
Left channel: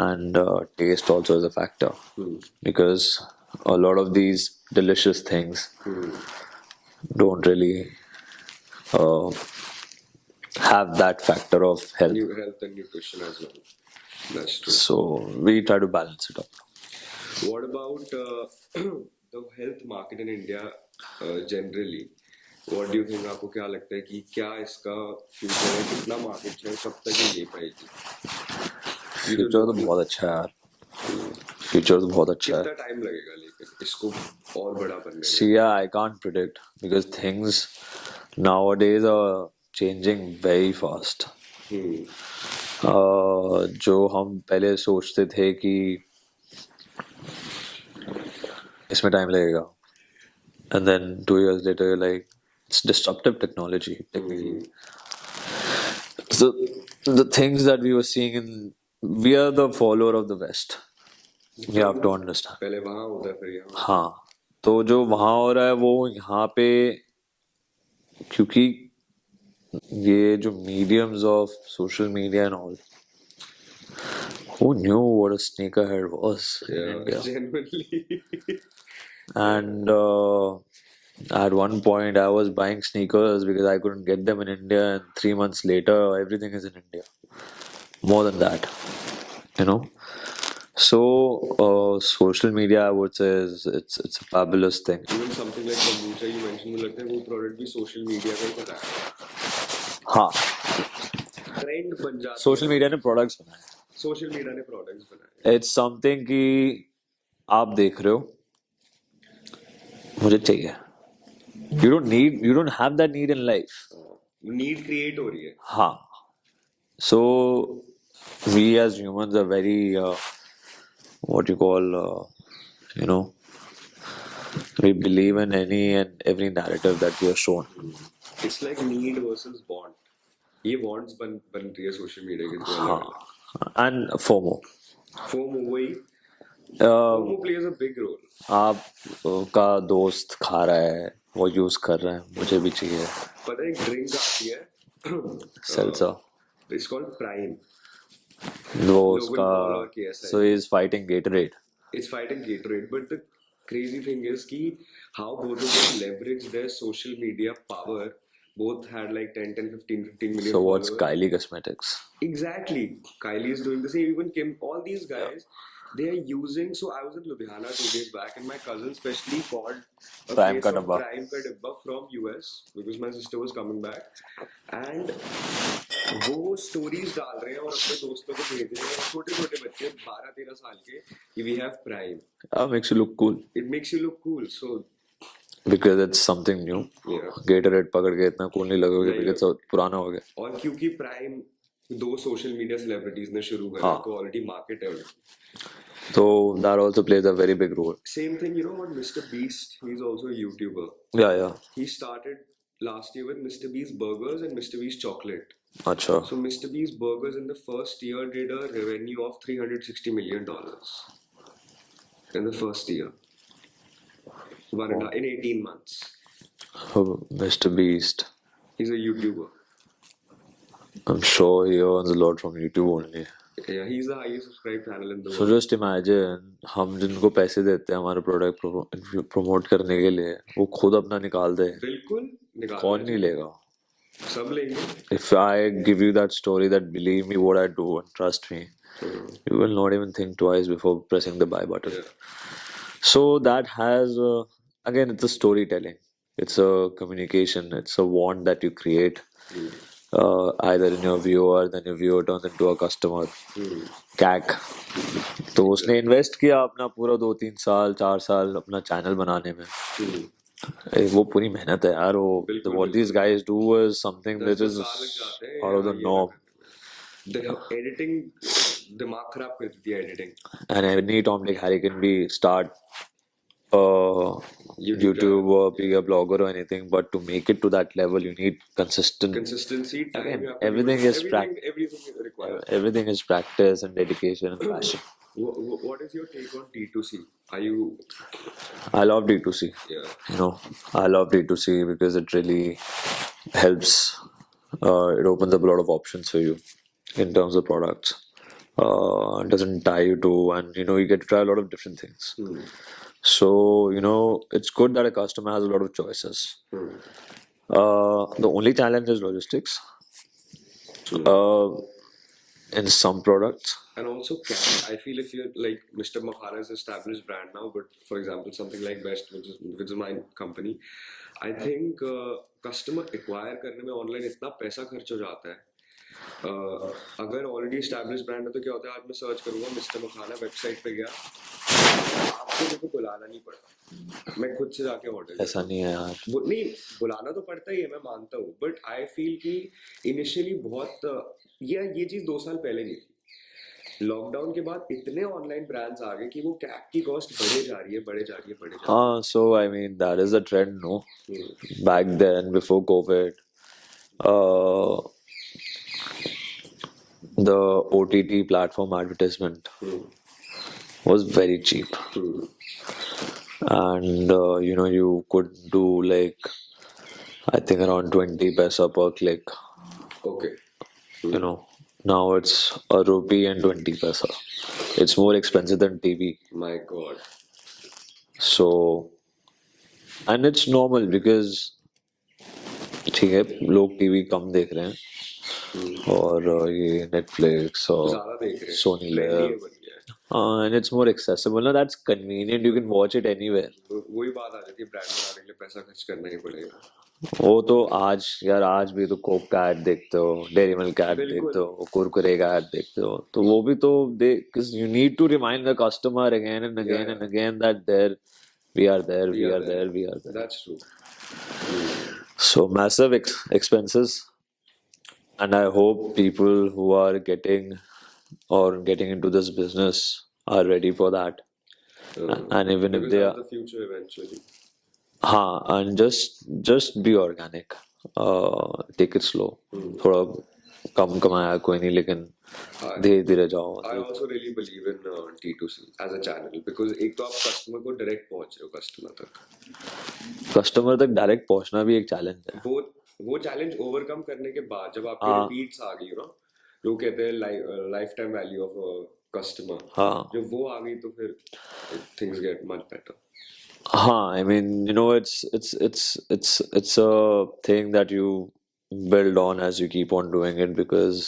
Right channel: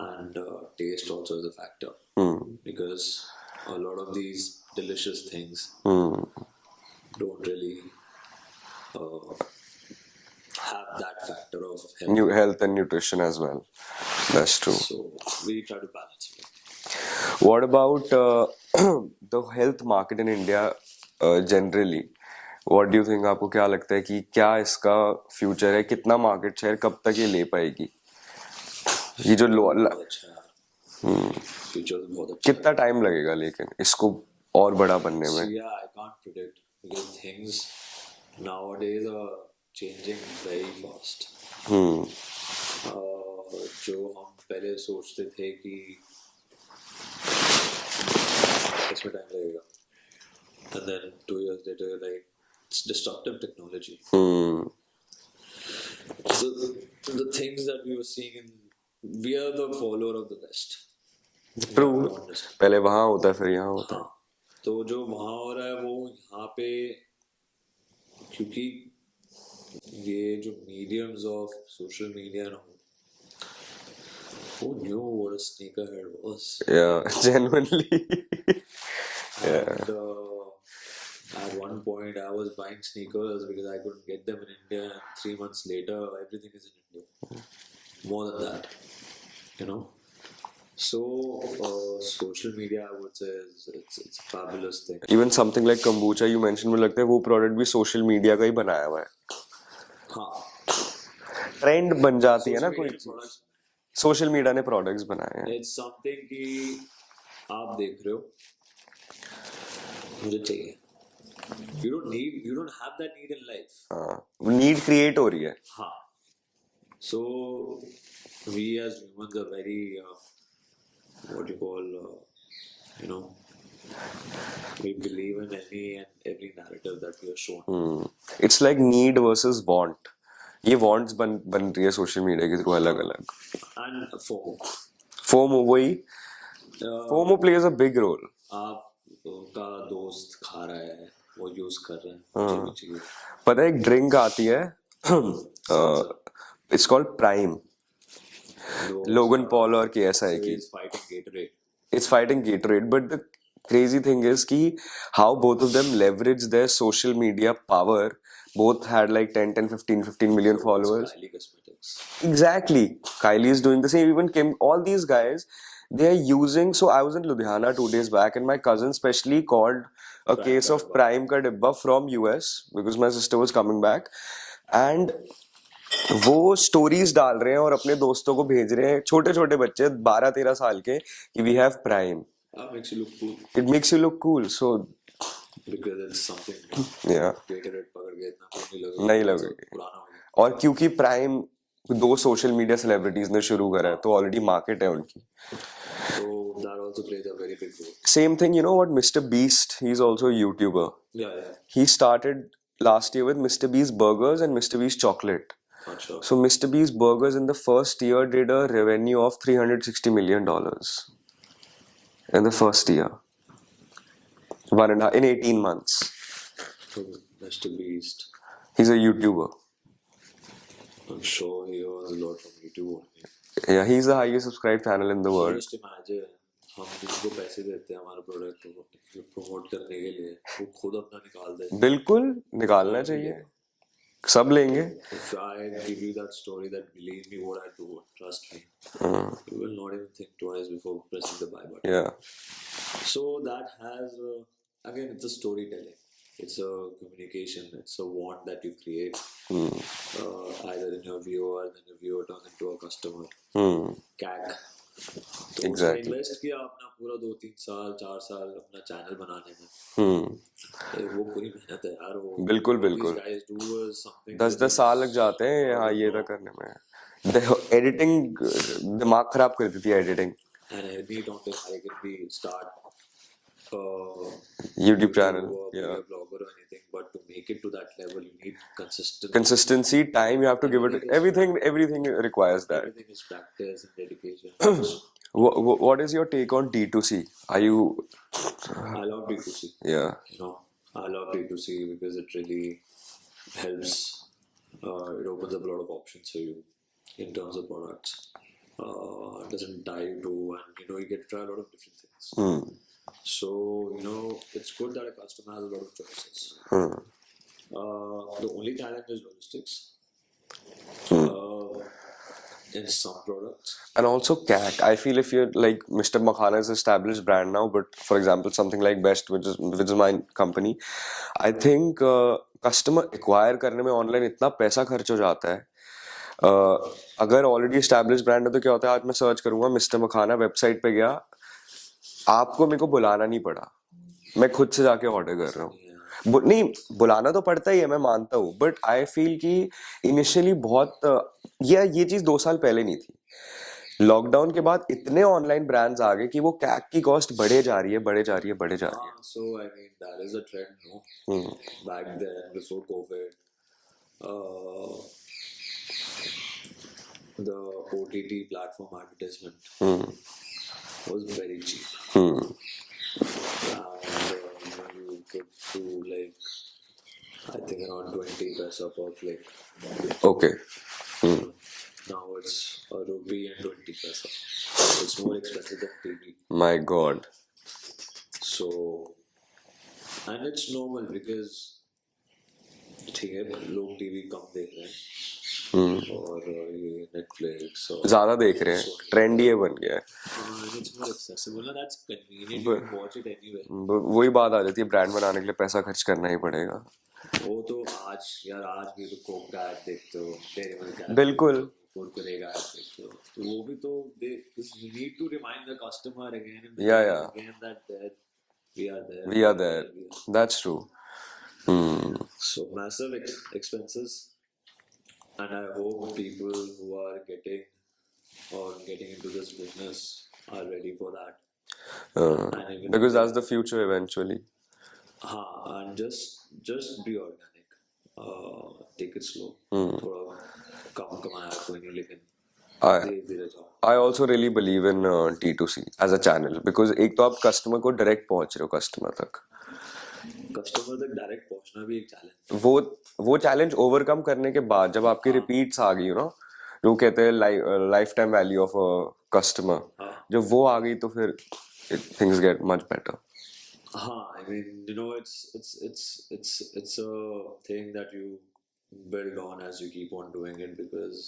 And taste also is a factor because a lot of these delicious things don't really have that factor of health. New health and nutrition as well. That's true. So we try to balance it out. What about the health market in India generally? What do you think? आपको क्या लगता है कि क्या इसका future है कितना market share कब तक ये ले पाएगी ये जो Future बहुत अच्छा है यार. Future बहुत अच्छा है. कितना टाइम लगेगा लेकिन इसको और बड़ा बनने में? See, yeah, I can't predict because things nowadays are changing very fast. जो हम पहले सोचते थे कि इसमें टाइम लगेगा and then 2 years later you're like it's disruptive technology. So the things that we were seeing we are the follower of the West. You have to understand. पहले वहाँ होता है फिर यहाँ होता है. हाँ तो जो वहाँ हो रहा है वो यहाँ पे क्योंकि ये जो mediums of social media and all, who knew what a sneakerhead was? Yeah, genuinely. And at one point I was buying sneakers because I couldn't get them in India, and 3 months later everything is in India. More than that, you know. So social media I would say is it's a fabulous thing. Even something like kombucha you mentioned मुझे लगता है वो product भी social media का ही बनाया हुआ है. हाँ Trend बन जाती है सोशल ना. मीडिया ने प्रोडक्ट्स बनाए. सोशल मीडिया ने प्रोडक्ट्स बनाए हैं. इट्स समथिंग कि आप देख रहे हो मुझे चाहिए. You don't have that need in life. Need create हो रही है. हाँ. So we as humans are very what you call you know we believe in any and every narrative that we are shown. It's like need versus want. ये wants बन रही है social media की तो अलग अलग. And FOMO. FOMO वही. FOMO plays a big role. आप का दोस्त खा रहा है वो यूज कर रहा है मुझे भी चाहिए. पता है एक ड्रिंक आती है. Seltzer. It's called Prime. Logan Paul और KSI. So he is fighting Gatorade. It's fighting Gatorade, but the crazy thing is कि how both of them leverage their social media power. Both had like 15 million So followers. what's Kylie Cosmetics? Exactly. Kylie is doing the same. Even Kim, all these guys, they are using. So I was in Ludhiana 2 days back, and my cousin specially called a Prime case ka of dabba. Prime ka dibba from US because my sister was coming back, and वो stories डाल रहे हैं और अपने दोस्तों को भेज रहे हैं छोटे छोटे बच्चे 12-13 साल के कि we have prime. Makes you look cool it makes you look cool. So because it's something new. Yeah. Gatorade पकड़ के इतना cool नहीं लगेगा. नहीं It's लगेगा. पुराना हो गया. और क्योंकि प्राइम 2 सोशल मीडिया सेलिब्रिटीज ने शुरू करा है तो ऑलरेडी मार्केट है उनकी. So that also plays a very big role. Same thing, you know what? Mr. Beast, he's also a YouTuber. Yeah. He started last year with Mr. Beast Burgers and Mr. Beast Chocolate. अच्छा. So Mr. Beast Burgers in the first year did a revenue of $360 million in the first year. In 18 months. Oh, Mr. Beast. He's a YouTuber. I'm sure he earns a lot from YouTube only. Yeah, he's the highest subscribed channel in the So world. just imagine हम जिनको पैसे देते हैं हमारे product promote करने के लिए वो खुद अपना निकाल दे. बिल्कुल निकालना कौन नहीं चाहिए. लेगा. सब लेंगे. If I give you that story that believe me what I do and trust me, you will not even think twice before pressing the buy button. Yeah. So that has again it's a storytelling. It's a communication. It's a want that you create. Either in your viewer, then your viewer turns into a customer. CAC. तो उसने invest किया अपना पूरा 2-3 साल 4 साल अपना channel बनाने में। वो पूरी मेहनत है यार। वो बिल्कुल what these बिल्कुल guys do is something which 10-10 is साल लग जाते हैं out of हाँ the ये ना norm. करने में। एडिटिंग दिमाग खराब कर देती है editing. And any Tom Dick Harry can be start YouTube channel, or be yeah. a blogger or anything, but to make it to that level, you need consistent. Consistency, time, you have to give Everything it. is Everything requires that. everything is practice and dedication and passion. What is your take on D2C? Are you? I love D2C. Yeah. I love D2C because it really helps. It opens up a lot of options for you in terms of products. It doesn't tie you to, and you get to try a lot of different things. So it's good that a customer has a lot of choices. The only challenge is logistics. In some products. And also cat. I feel if you're like Mr. Makhana is established brand now, but for example something like Best, which is my company, I think customer acquire करने में online इतना पैसा खर्च हो जाता है। अगर already establish brand है तो क्या होता है, आज मैं सर्च करूंगा मिस्टर मखाना, वेबसाइट पे गया, आपको मेरे को बुलाना नहीं पड़ा, मैं खुद से जाके ऑर्डर कर रहा नहीं है यार। नहीं, बुलाना तो पड़ता ही है, मैं मानता हूँ, बट आई फील कि इनिशियली बहुत ये चीज 2 साल पहले नहीं थी। लॉकडाउन के बाद इतने ऑनलाइन ब्रांड्स आ गए कि वो कैक की कॉस्ट बढ़े जा रही है। हाँ, so I mean that is a trend, no? Back then, before COVID, the OTT platform advertisement was very cheap. And you could do like I think around 20 paisa per click. Okay. Now it's a rupee and 20 paisa. It's more expensive than TV. My God. So, and it's normal because ठीक है, लोग TV कम देख रहे हैं और ये Netflix और ज्यादा देख रहे हैं, Sony ट्रेंडी है बन गया है, and it's more accessible. Now that's convenient. You can watch it anywhere. वही बात आ जाती है, ब्रांड बनाने के लिए पैसा खर्च करना ही पड़ेगा। वो तो आज भी तो कोक का ऐड देखते हो, डेयरी मिल्क का ऐड देखते हो, कुरकुरे का ऐड देखते हो, तो वो भी तो because you need to remind the customer again and again and again that we are there. That's true. So massive expenses, and I hope people who are getting into this business are ready for that. And even because that's the future eventually. And just be organic. Take it slow. थोड़ा कम कमाया कोई नहीं, लेकिन धीरे-धीरे जाओ. I also really believe in T2C as a channel because एक तो आप कस्टमर को डायरेक्ट पहुंच रहे हो, कस्टमर तक डायरेक्ट पहुंचना भी एक चैलेंज है। वो चैलेंज ओवरकम करने के बाद जब आपकी रिपीट्स आ गई जो कहते हैं life time value of a customer, जब वो आ गई तो फिर things get much better. I mean, it's a thing that you build on as you keep on doing it, because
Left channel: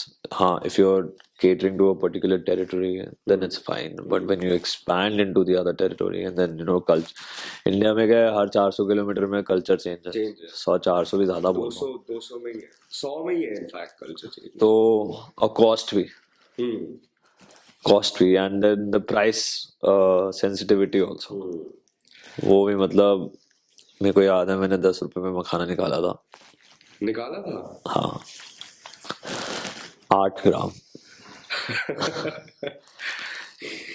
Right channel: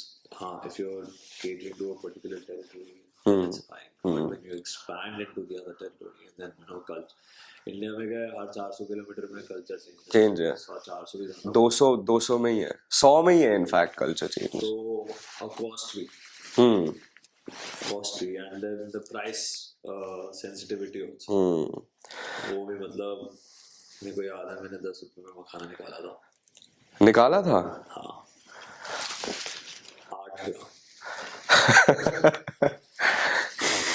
if you're catering to a particular territory, then it's fine. But when you expand into the other territory, and then culture, India में क्या है, हर 400 kilometre में culture change है, 100-400 भी ज्यादा, 200 में ही है, 100 में ही है इनफैक्ट कल्चर चेंज। तो और कॉस्ट भी and then the price sensitivity also, वो भी मतलब मेरे को याद है मैंने 10 रुपए में मखाना निकाला था। हाँ, 8 ग्राम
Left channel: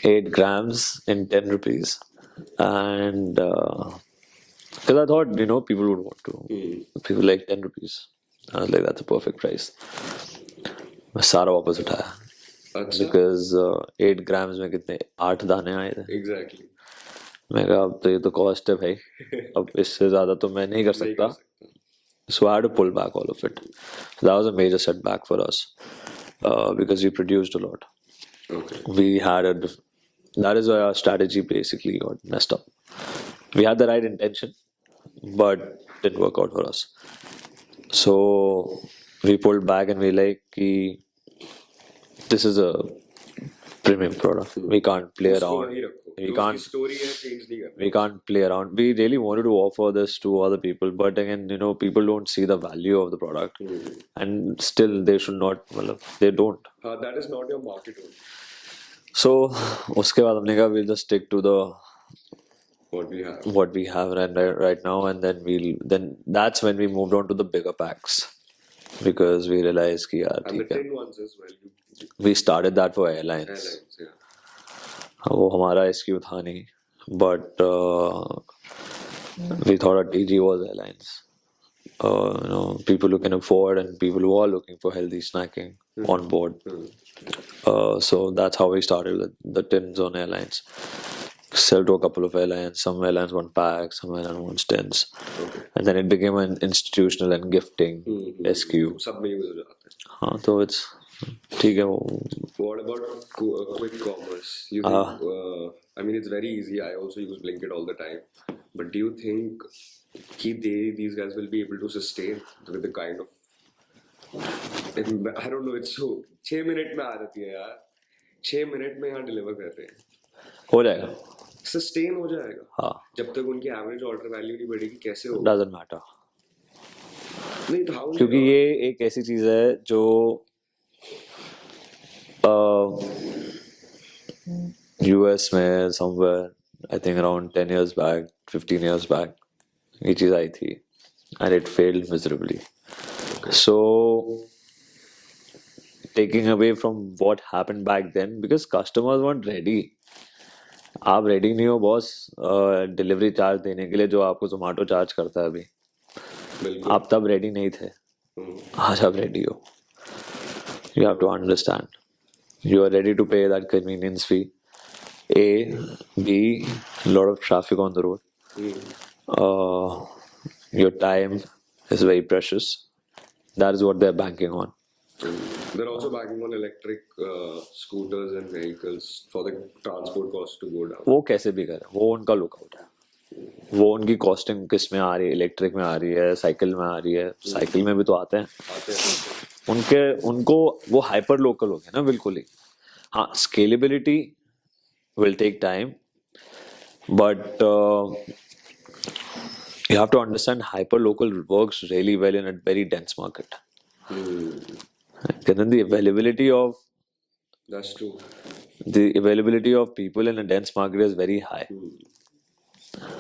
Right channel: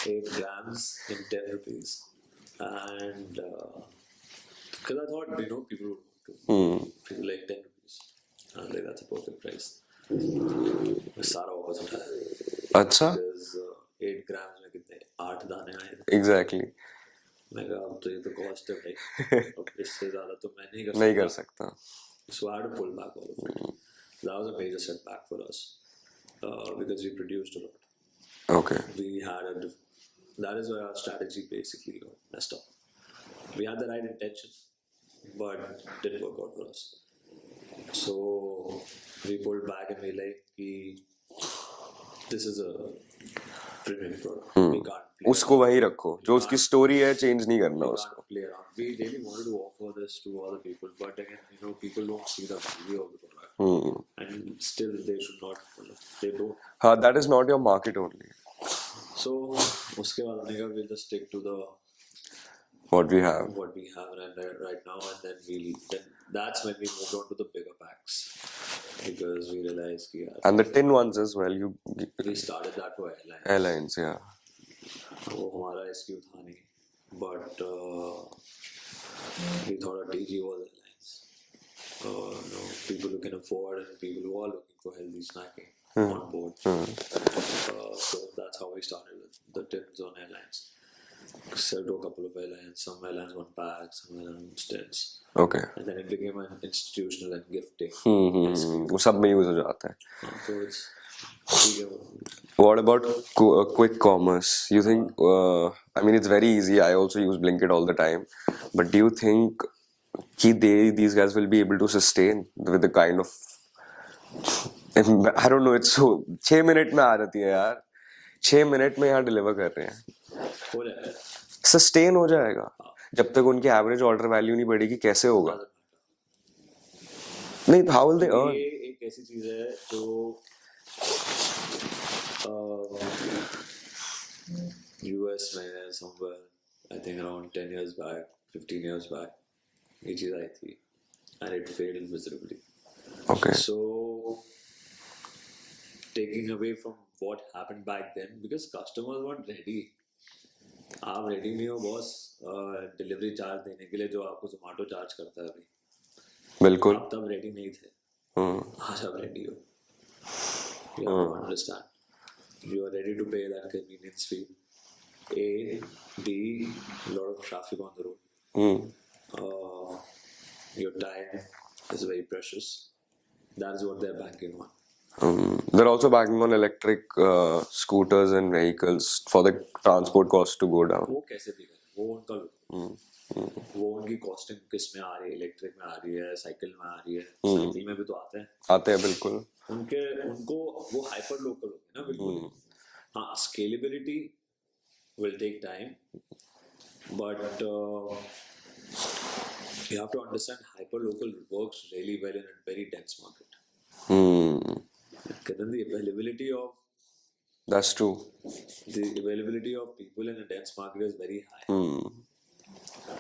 8 grams in 10 rupees, and because I thought people would want to, people like 10 rupees. I was like, that's a perfect price. मैं सारा वापस उठाया। अच्छा, because 8 grams में कितने 8 दाने आए थे। एग्जैक्टली। मैं कहा अब तो ये तो कॉस्ट है भाई, अब इससे ज्यादा तो मैं नहीं कर सकता। So I had to pull back all of it. So that was a major setback for us, because we produced a lot. Okay. That is why our strategy basically got messed up. We had the right intention, but didn't work out for us. So we pulled back and we this is a premium product. We can't play around. उसको वही रखो, जो उसकी story है change नहीं करना। We can't play around. We really wanted to offer this to other people, but again, people don't see the value of the product, and still they should not. They don't. That is not your market only. So उसके बाद हमने कहा we'll just stick to the what we have. what we have right now, and then that's when we moved on to the bigger packs because we realized कि यार And the ठीक है, tin ones as well. You we started that for airlines. airlines, yeah. वो हमारा SKU था नहीं, but we thought our TG was airlines. People who can afford and people who are looking for healthy snacking on board. So that's how we started with the tins on airlines. Sell to a couple of airlines. Some airlines want packs, some airlines want tins. Okay. And then it became an institutional and gifting SKU. वो सब में use हो जाता है. हाँ, तो it's ठीक है वो. What about quick commerce? You think? I mean, it's very easy. I also use Blinkit all the time. But do you think कि these guys will be able to sustain with the kind of I don't know. It's so 6 minute में आ जाती है यार. 6 minute में यहाँ deliver कर रहे हैं. हो जाएगा. सस्टेन हो जाएगा. हाँ. जब तक उनकी एवरेज ऑर्डर वैल्यू नहीं बढ़ेगी कैसे होगा? Doesn't matter. नहीं, how will they क्योंकि earn? ये एक ऐसी चीज है जो US में somewhere I think around 10 years back, 15 years back ये चीज आई थी and it failed miserably. Okay. So taking away from what happened back then because customers weren't ready. आप रेडी नहीं हो बॉस डिलीवरी चार्ज देने के लिए जो आपको जोमेटो चार्ज करता है अभी. बिल्कुल. आप तब रेडी नहीं थे. आज आप रेडी हो. You have to understand. You are ready to pay that convenience fee. A, B, lot of traffic on the road. Your time is very precious. That is what they're banking on. They're also banking on electric scooters and vehicles for the transport cost to go down. वो कैसे भी करें, वो उनका lookout. वो उनकी costing किस में आ रही है, इलेक्ट्रिक में आ रही है, साइकिल में आ रही है. साइकिल में भी तो आते हैं. बिल्कुल. उनको वो हाइपर लोकल हो गया ना बिल्कुल ही. हाँ, scalability will take time, but you have to understand hyper local works really well in a very dense market. And then the availability of That's true. the availability of people in a dense market is very high.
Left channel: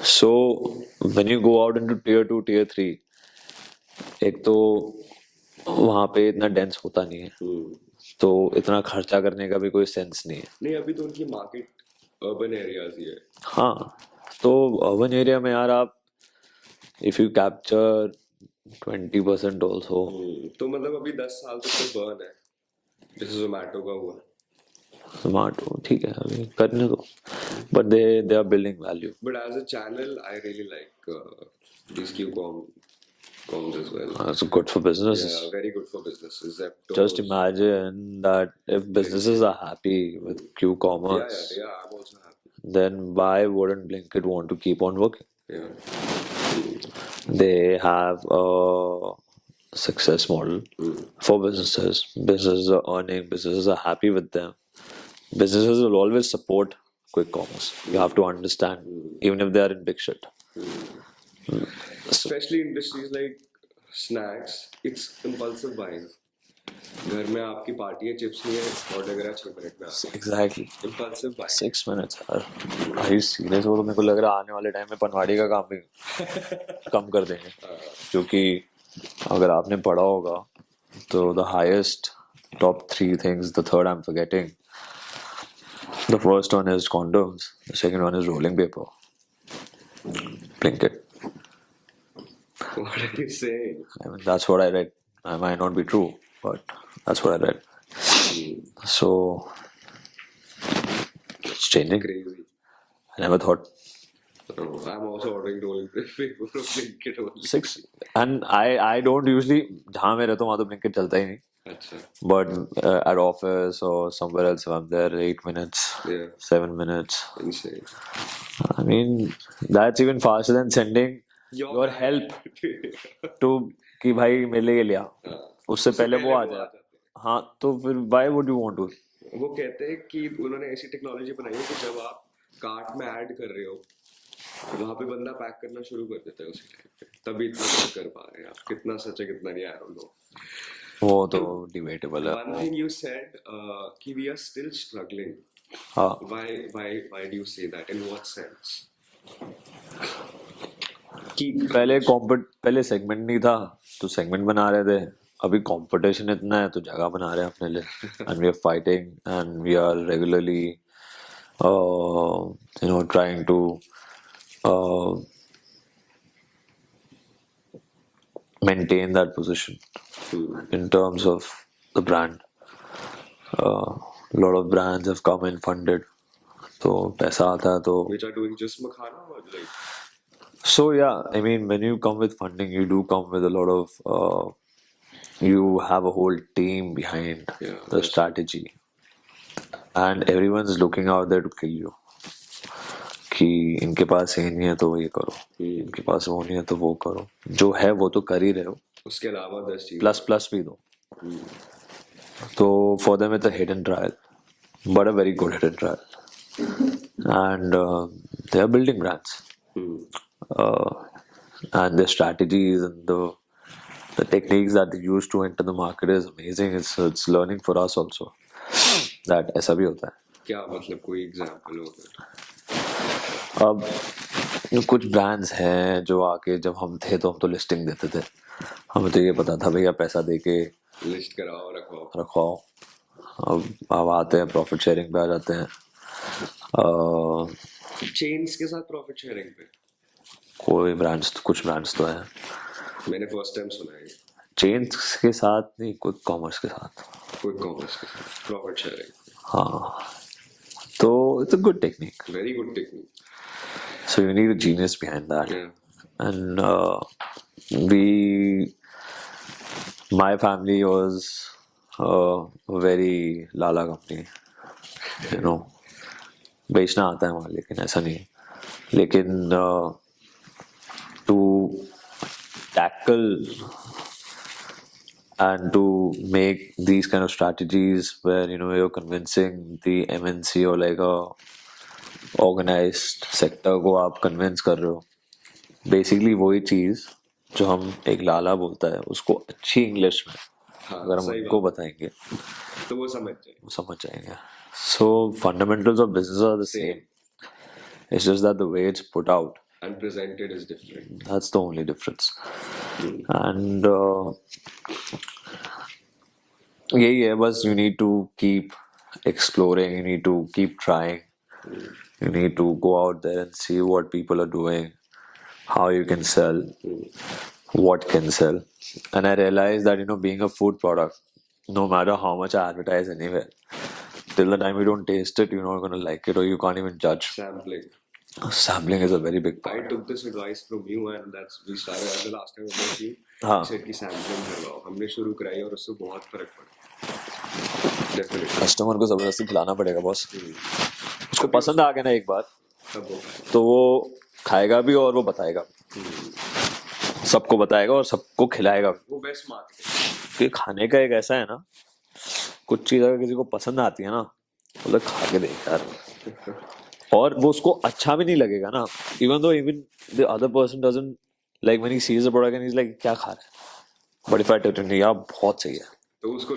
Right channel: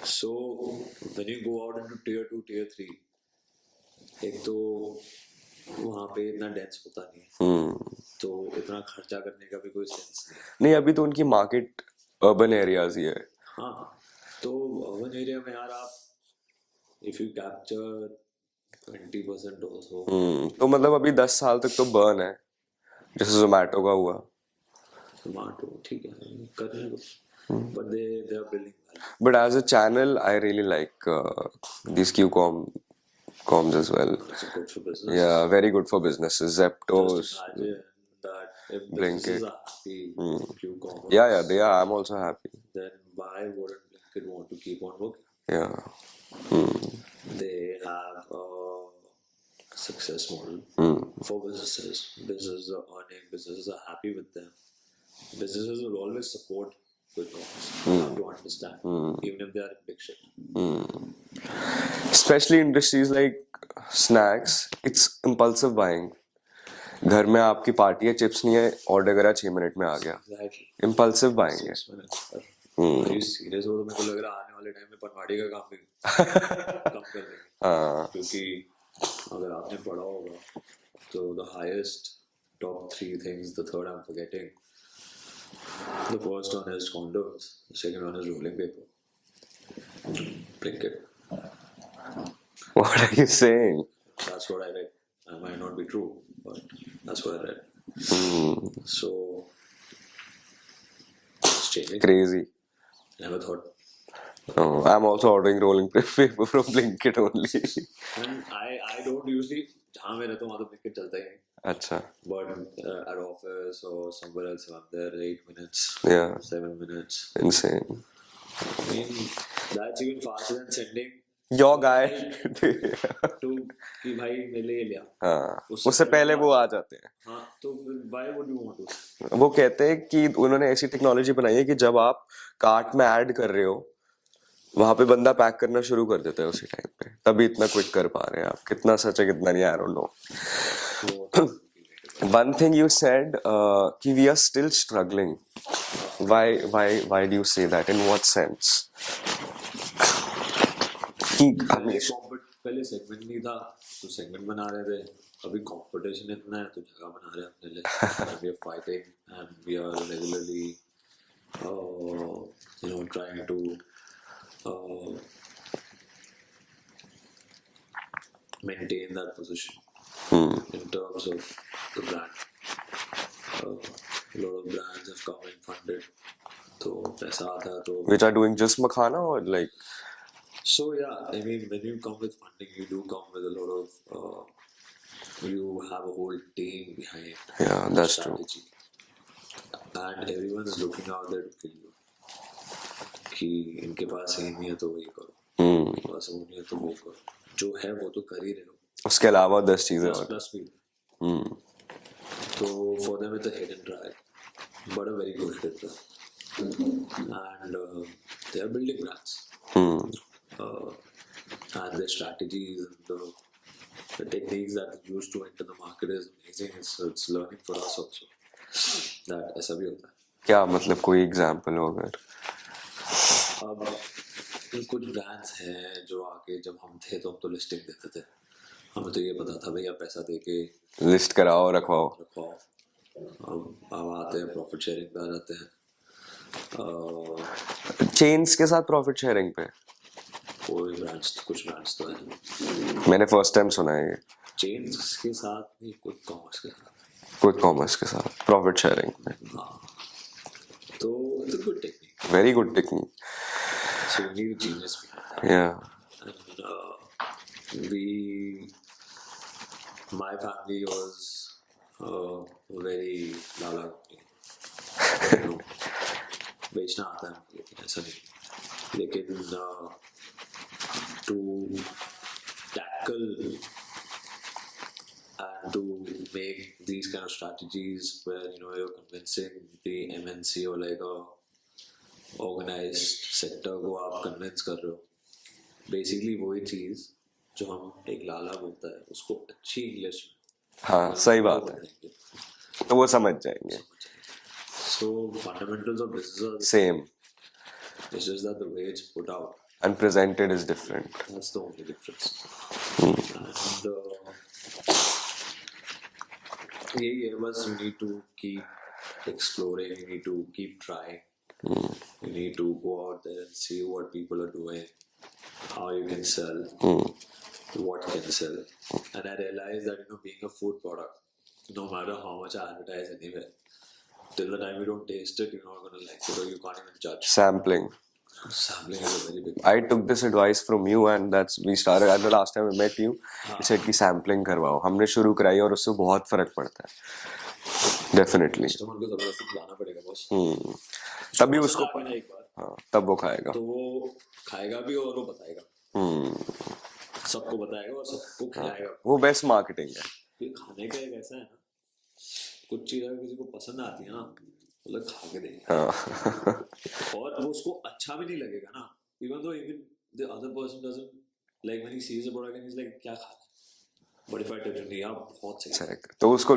So when you go out into tier 2, tier 3, एक तो वहाँ पे इतना dense होता नहीं है. तो इतना खर्चा करने का भी कोई सेंस नहीं है. नहीं, अभी तो उनकी मार्केट अर्बन एरियाज ही है. हाँ, तो अर्बन एरिया में यार आप इफ यू कैप्चर 20% ऑल्सो. तो मतलब अभी 10 साल तक तो बर्न है जैसे जोमेटो का हुआ. जोमेटो ठीक है अभी करने दो, but they are building value. But as a channel I really like this Qcoms as well. It's good for business. Yeah, very good for businesses. Zepto. Just imagine that if businesses are happy with Q-commerce, Yeah, they are. I'm also happy. then why wouldn't Blinkit want to keep on working? Yeah. They have a success model for businesses. Businesses are earning. Businesses are happy with them. Businesses will always support quick commerce. You have to understand, even if they are in big shit. Especially industries like snacks, it's impulsive buying. घर में आपकी party है, chips नहीं है, order करा 6 minute में आ गया. Exactly. Impulsive buying. 6 minutes. Are you serious? वो तो मेरे को लग रहा है आने वाले टाइम में पनवाड़ी का काम भी कम कर देंगे. क्योंकि अगर आपने पढ़ा होगा तो the highest top 3 things, the third I'm forgetting. The first one is condoms. The second one is rolling paper. Blinkit. What are you saying? I mean, that's what I read. I might not be true, but that's what I read. So it's changing. Crazy. I never thought. I'm also ordering rolling paper from Blinkit only. And I don't usually जहाँ मैं रहता हूँ वहाँ तो Blinkit चलता ही नहीं. अच्छा. But at office or somewhere else, if I'm there, 8 minutes, Yeah. 7 minutes. Insane. I mean, that's even faster than sending Your guy. help to कि भाई मेरे लिए लिया. हाँ. उससे पहले वो आ जाते हैं. हाँ, तो फिर why would you want to? वो कहते हैं कि उन्होंने ऐसी टेक्नोलॉजी बनाई है कि जब आप कार्ट में ऐड कर रहे हो वहां पे बंदा पैक करना शुरू कर देता है उसी टाइम पे, तभी इतना कुक कर पा रहे हैं आप। कितना सच है कितना नहीं, आई डोंट नो। वो तो डिबेटेबल है। One thing you said, कि we are still struggling. हाँ, Why do you say that? In what sense? कि पहले सेगमेंट नहीं था तो सेगमेंट बना रहे थे, अभी कंपटीशन इतना है तो जगह बना रहे हैं अपने लिए and we are fighting and we are regularly trying to maintain that position in terms of the brand. A lot of brands have come and funded, तो पैसा आता है तो which are doing just makhana or like so yeah, I mean when you come with funding you do come with a lot of you have a whole team behind Yeah, the that's true. strategy and everyone's looking out there to kill you कि इनके पास ये नहीं है तो ये करो, इनके पास वो नहीं है तो वो करो, जो है वो तो कर ही रहे हो, उसके अलावा 10 चीजें प्लस और। प्लस भी दो। तो for them it's a hidden trial but a very good hidden trial and they are building brands and their strategies and the techniques that they use to enter the market is amazing. It's learning for us also that ऐसा भी होता है। क्या मतलब कोई example हो अगर? अब कुछ ब्रांड्स हैं जो आके जब हम थे तो हम तो लिस्टिंग देते थे, हमें तो ये पता था भैया पैसा दे के लिस्ट कराओ रखवाओ। रखवाओ, अब आते हैं प्रॉफिट शेयरिंग पे आ जाते हैं। चेन्स के साथ प्रॉफिट शेयरिंग पे कुछ ब्रांड्स तो हैं, मैंने फर्स्ट टाइम सुना है ये। चेन्स के साथ नहीं, क्विक कॉमर्स के साथ। क्विक कॉमर्स के साथ प्रॉफिट शेयरिंग पे, हाँ, तो it's a good technique, very good technique. so you need a genius behind that. Yeah. And my family was a very lala company, you know, बेचना आता है वहाँ, लेकिन ऐसा नहीं, लेकिन to tackle and to make these kind of strategies where you're convincing the MNC or like a organized sector को आप convince कर रहे हो, basically वही चीज जो हम एक लाला बोलता है उसको अच्छी इंग्लिश में हाँ, अगर सही हम बात उनको है। बताएंगे तो वो समझ जाएंगे। समझ जाएंगे। So fundamentals of business are the Same. It's just that the way it's put out, And presented is different. that's the only difference. And यही है बस, you need to keep exploring, you need to keep trying, you need to go out there and see what people are doing, how you can sell, what can sell. And I realized that being a food product, no matter how much I advertise anywhere, till the time you don't taste it, you're not going to like it or you can't even judge. Sampling. Sampling is a very big I took this advice from you and that's we started at the last time we met you. हाँ. You said कि sampling करवाओ, हमने शुरू कराई और उससे बहुत फर्क पड़ता है। Definitely. कस्टमर को जबरदस्ती खिलाना पड़ेगा बॉस, उसको तभी पसंद उसको- आ गया ना एक बार, हाँ, तब वो खाएगा। तो वो खाएगा भी और वो बताएगा, सबको बताएगा और सबको खिलाएगा। वो बेस्ट मार्केटिंग। कि खाने का एक ऐसा है ना, कुछ चीज अगर किसी को पसंद आती है ना वो लोग खा के देगा और वो उसको अच्छा भी नहीं लगेगा ना, even the other person doesn't like when he sees the product and he's like क्या खा रहा है, but if I tell him यार बहुत सही है, तो उसको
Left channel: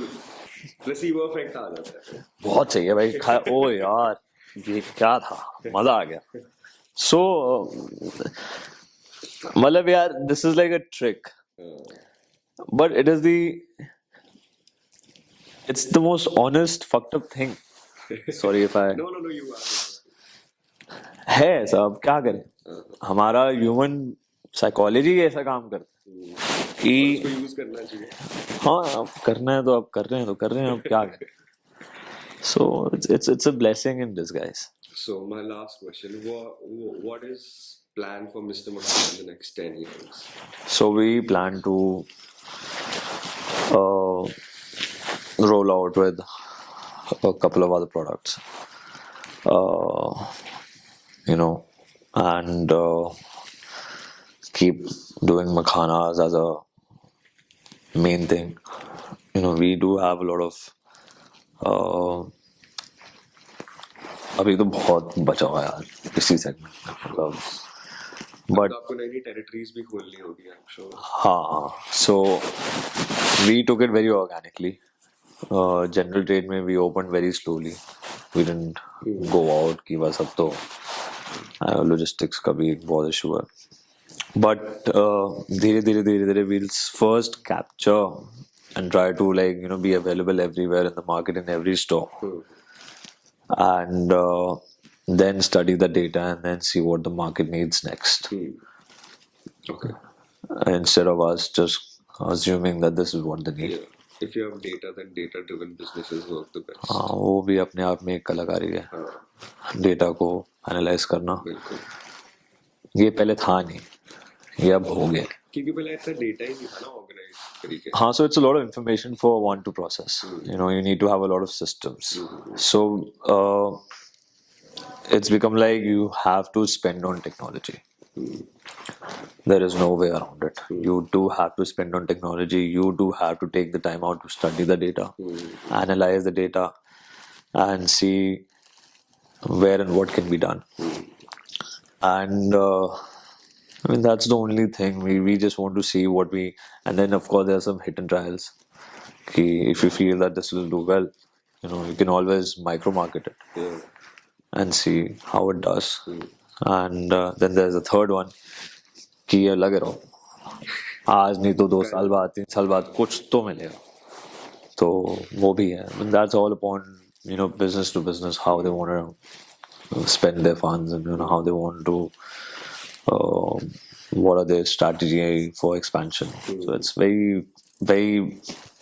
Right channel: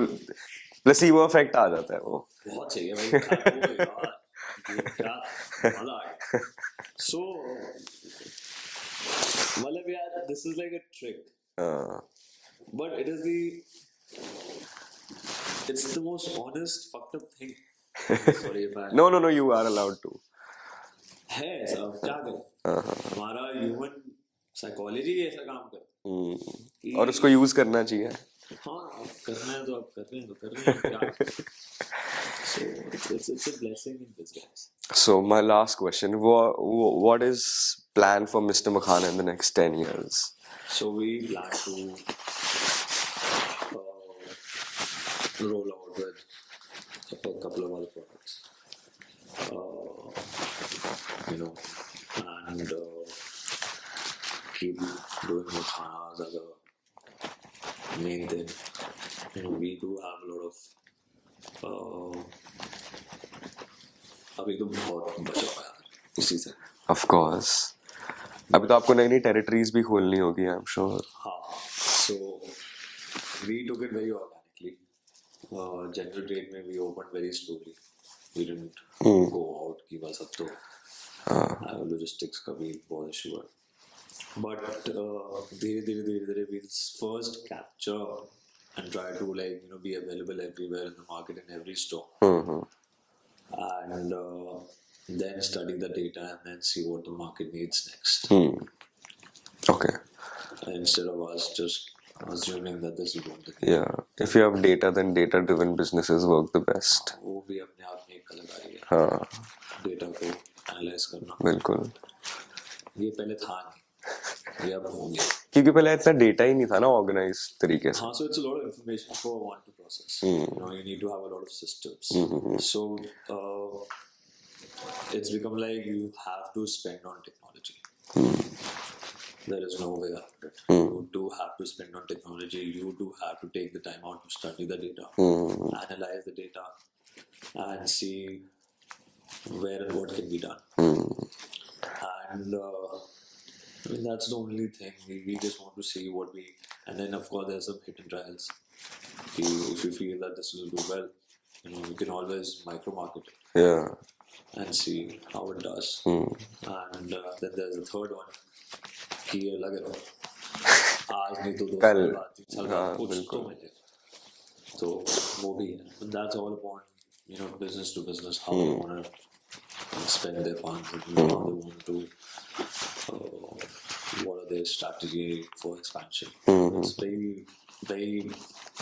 प्लेसिबो इफेक्ट आ जाता है, वो बहुत सही है भाई, ओ यार ये क्या था, मजा आ गया। So मतलब यार this is like a trick, but it's the most honest fucked up thing. Sorry if I no you are allowed to. है सब, क्या करें, हमारा ह्यूमन साइकोलॉजी ऐसा काम करता है और कि उसको यूज करना चाहिए। हाँ अब करना है तो अब कर रहे हैं तो कर रहे हैं, अब क्या करें। So it's a blessing in disguise. So my last question, what is plan for Mr. Makhana in the next 10 years? So we plan to roll out with a couple of other products, and keep doing makhanas as a main thing. We do have a lot of अभी तो बहुत बचा हुआ है यार इसी segment. Of course. अब तो आपको नई नई टेरिटरीज भी खोलनी होगी, आई एम श्योर. हाँ, so we took it very organically. General trade में we opened very slowly. We didn't go out कि बस अब तो logistics का भी बहुत issue है. But धीरे धीरे we'll first capture and try to be available everywhere in the market, in every store, and then study the data and then see what the market needs next, Okay. instead of us just assuming that this is what they need. Yeah. If you have data, then data-driven businesses work the best. हाँ, वो भी अपने आप में एक कलाकारी है. हाँ, डेटा को एनालाइज करना, बिल्कुल. ये पहले था नहीं, ये अब हो गया. क्योंकि पहले इतना डेटा ही नहीं था ना ऑर्गेनाइज तरीके से. हाँ, so it's a lot of information for one to process. You need to have a lot of systems. So it's become like you have to spend on technology. There is no way around it. You do have to spend on technology. You do have to take the time out to study the data, analyze the data, and see where and what can be done. And that's the only thing. We just want to see what we, and then of course there are some hit and trials. If you feel that this will do well, you can always micro market it. Yeah. And see how it does. And then there's a third one कि ये लगे रहो, आज नहीं तो 2 साल बाद 3 साल बाद कुछ तो मिलेगा, तो वो भी है. And that's all upon business to business, how they want to spend their funds, and how they want to what are their strategy for expansion. So it's very very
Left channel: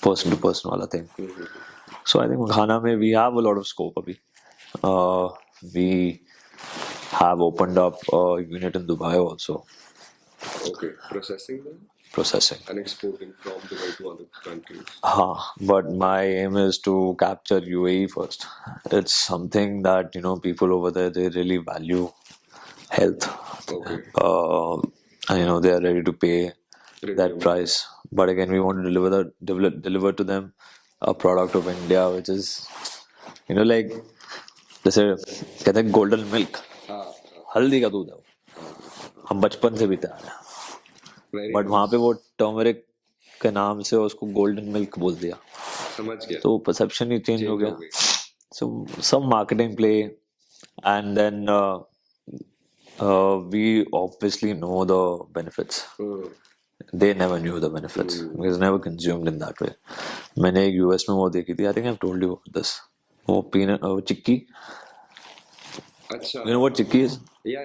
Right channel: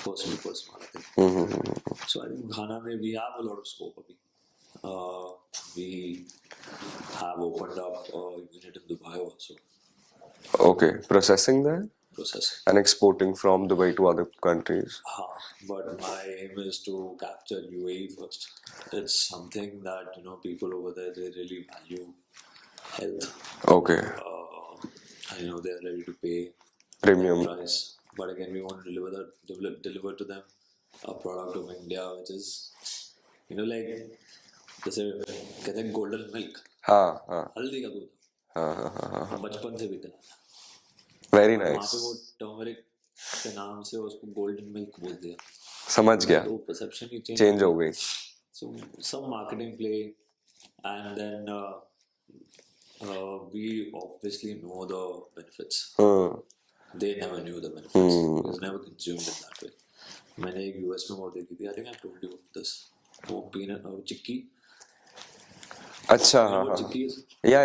person to person wala thing. So I think Ghana mein we have a lot of scope abhi. We have opened up a unit in Dubai also. Okay. Processing there Processing. and exporting from Dubai to other countries. But my aim is to capture UAE first. It's something that people over there, they really value health. Okay. And they are ready to pay Premium. that price. But again, we want to deliver to them a product of India, which is like जैसे कहते हैं golden milk. हाँ. हल्दी का दूध है वो. हाँ. हम बचपन से पीते आ रहे हैं. Very but nice. वहाँ पे वो टर्मरिक के नाम से उसको गोल्डन मिल्क बोल दिया, समझ गया. तो परसेप्शन ही चेंज चेंज हो हो गई. गई. So some marketing play, and then we obviously know the benefits. They never knew the benefits. It's never consumed in that way. मैंने एक यूएस में वो देखी थी. I think I've told you this. वो पीनट चिक्की. अच्छा. You know what chikki is? या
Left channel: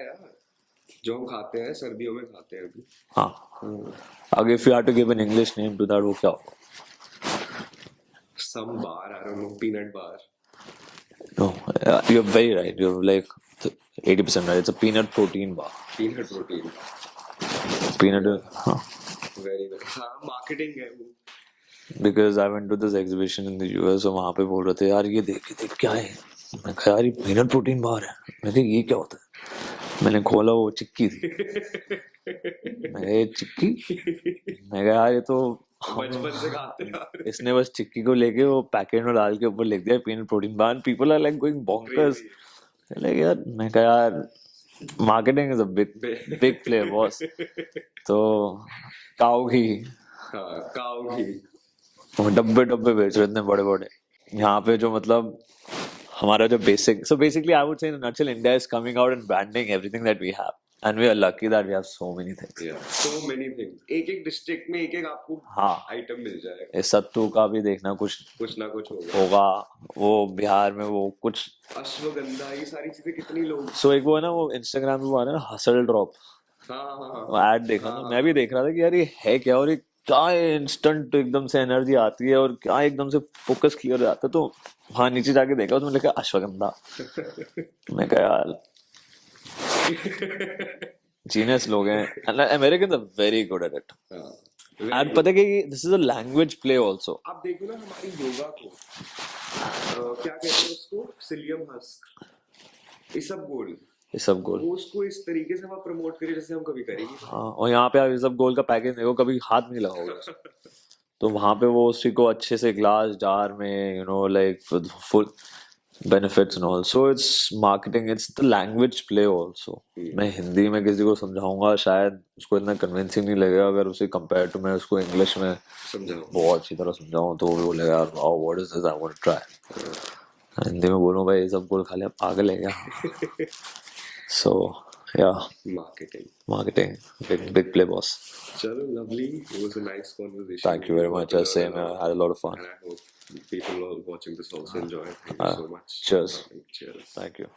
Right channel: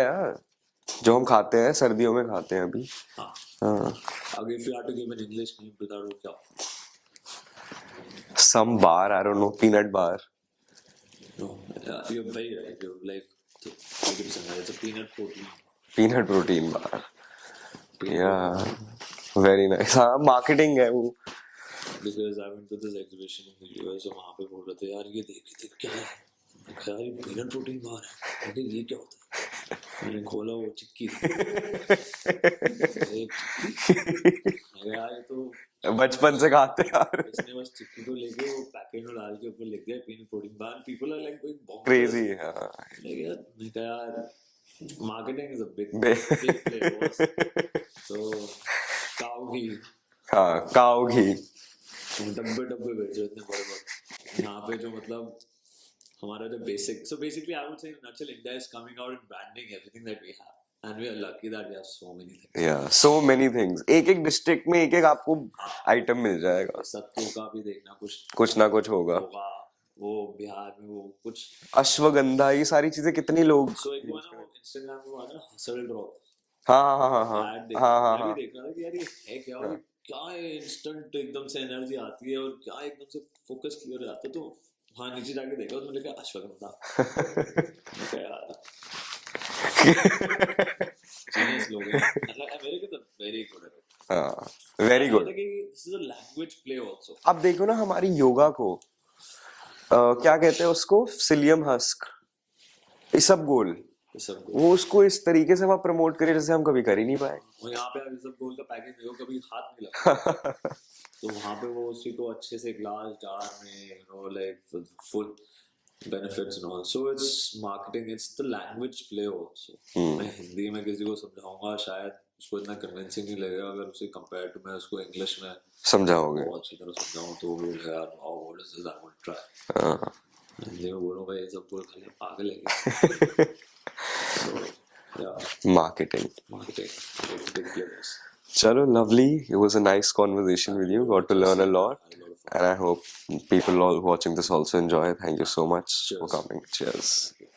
जो हम खाते हैं सर्दियों में खाते हैं अभी. हाँ. अगर if you had to give an English name to that, वो क्या होगा? Some bar, I don't know, peanut bar. No, you're very right. You're like 80% right. It's a peanut protein bar. Peanut protein bar. Peanut. Yeah. Very nice. हाँ, marketing है वो. Because I went to this exhibition in the US, और वहाँ पे बोल रहे थे यार ये देख क्या है. मैं कहा यार ये peanut protein bar है. मैं कहा ये क्या होता है. मैंने खोला, वो चिक्की थी. चिक्की. मैं कहा यार ये तो बचपन से खाते हैं यार. इसने बस चिक्की को लेके वो पैकेट में डाल के ऊपर लिख दिया peanut protein bar. People are like going bonkers. Crazy. Like यार मैं कहा यार marketing is a big play boss. तो काऊ घी. हाँ, काऊ घी. डब्बे बेच रहे इतने बड़े बड़े. यहाँ पे जो मतलब हमारा जो basic, so basically I would say in a nutshell, India is coming out and branding everything that we have, and we are lucky that we have so many things. Yeah, so many things. एक district में एक आपको item मिल जाएगा. इस सत्तू का भी देखना कुछ ना कुछ होगा. वो बिहार में वो कुछ अश्वगंधा, ये सारी चीजें कितनी लोग. So एक वो है ना, वो इंस्टाग्राम पे वो आ रहा है ना, हसल ड्रॉप. हाँ. ऐड देखा. मैं भी देख रहा था कि यार ये है क्या, और ये क्या इंस्टेंट एकदम से एनर्जी आती है और क्या एकदम से फोकस क्लियर हो जाता है. तो हाँ नीचे जाके देखा, उसमें लिखा अश्वगंधा. मैं कहा यार जीनियस लोग हैं. American are very good at it. Very good. पता है कि this is a language play also. अब देखो ना हमारी योगा को क्या कहते हैं उसको, सिलियम हस्क, इसबगोल. वो उसको इस तरीके से वहाँ प्रमोट करे जैसे हम कभी कर ही नहीं पाए. और यहाँ पे आप इसबगोल का पैकेज देखो, कभी हाथ नहीं लगाओ. तो वहाँ पे वो उसी को अच्छे से ग्लास जार में like full benefits and all. So it's marketing, it's the language play also. मैं हिंदी में किसी को समझाऊंगा शायद उसको इतना कन्विंसिंग नहीं लगेगा, अगर उसे कंपेयर टू मैं उसको इंग्लिश में समझाओगे। बहुत अच्छी तरह समझाऊं तो वो बोलेगा wow what is this, I want to try. Hindi में बोलूं भाई ये सब बोल खा लिया पागल है क्या। सो या marketing big play boss. Chalo, lovely. It was a nice conversation Thank with you you. very Got much. to I learn a say, lot. I had a lot of fun. And I hope people all watching this also enjoy. Thank you so much Cheers. for coming. Cheers. Thank you.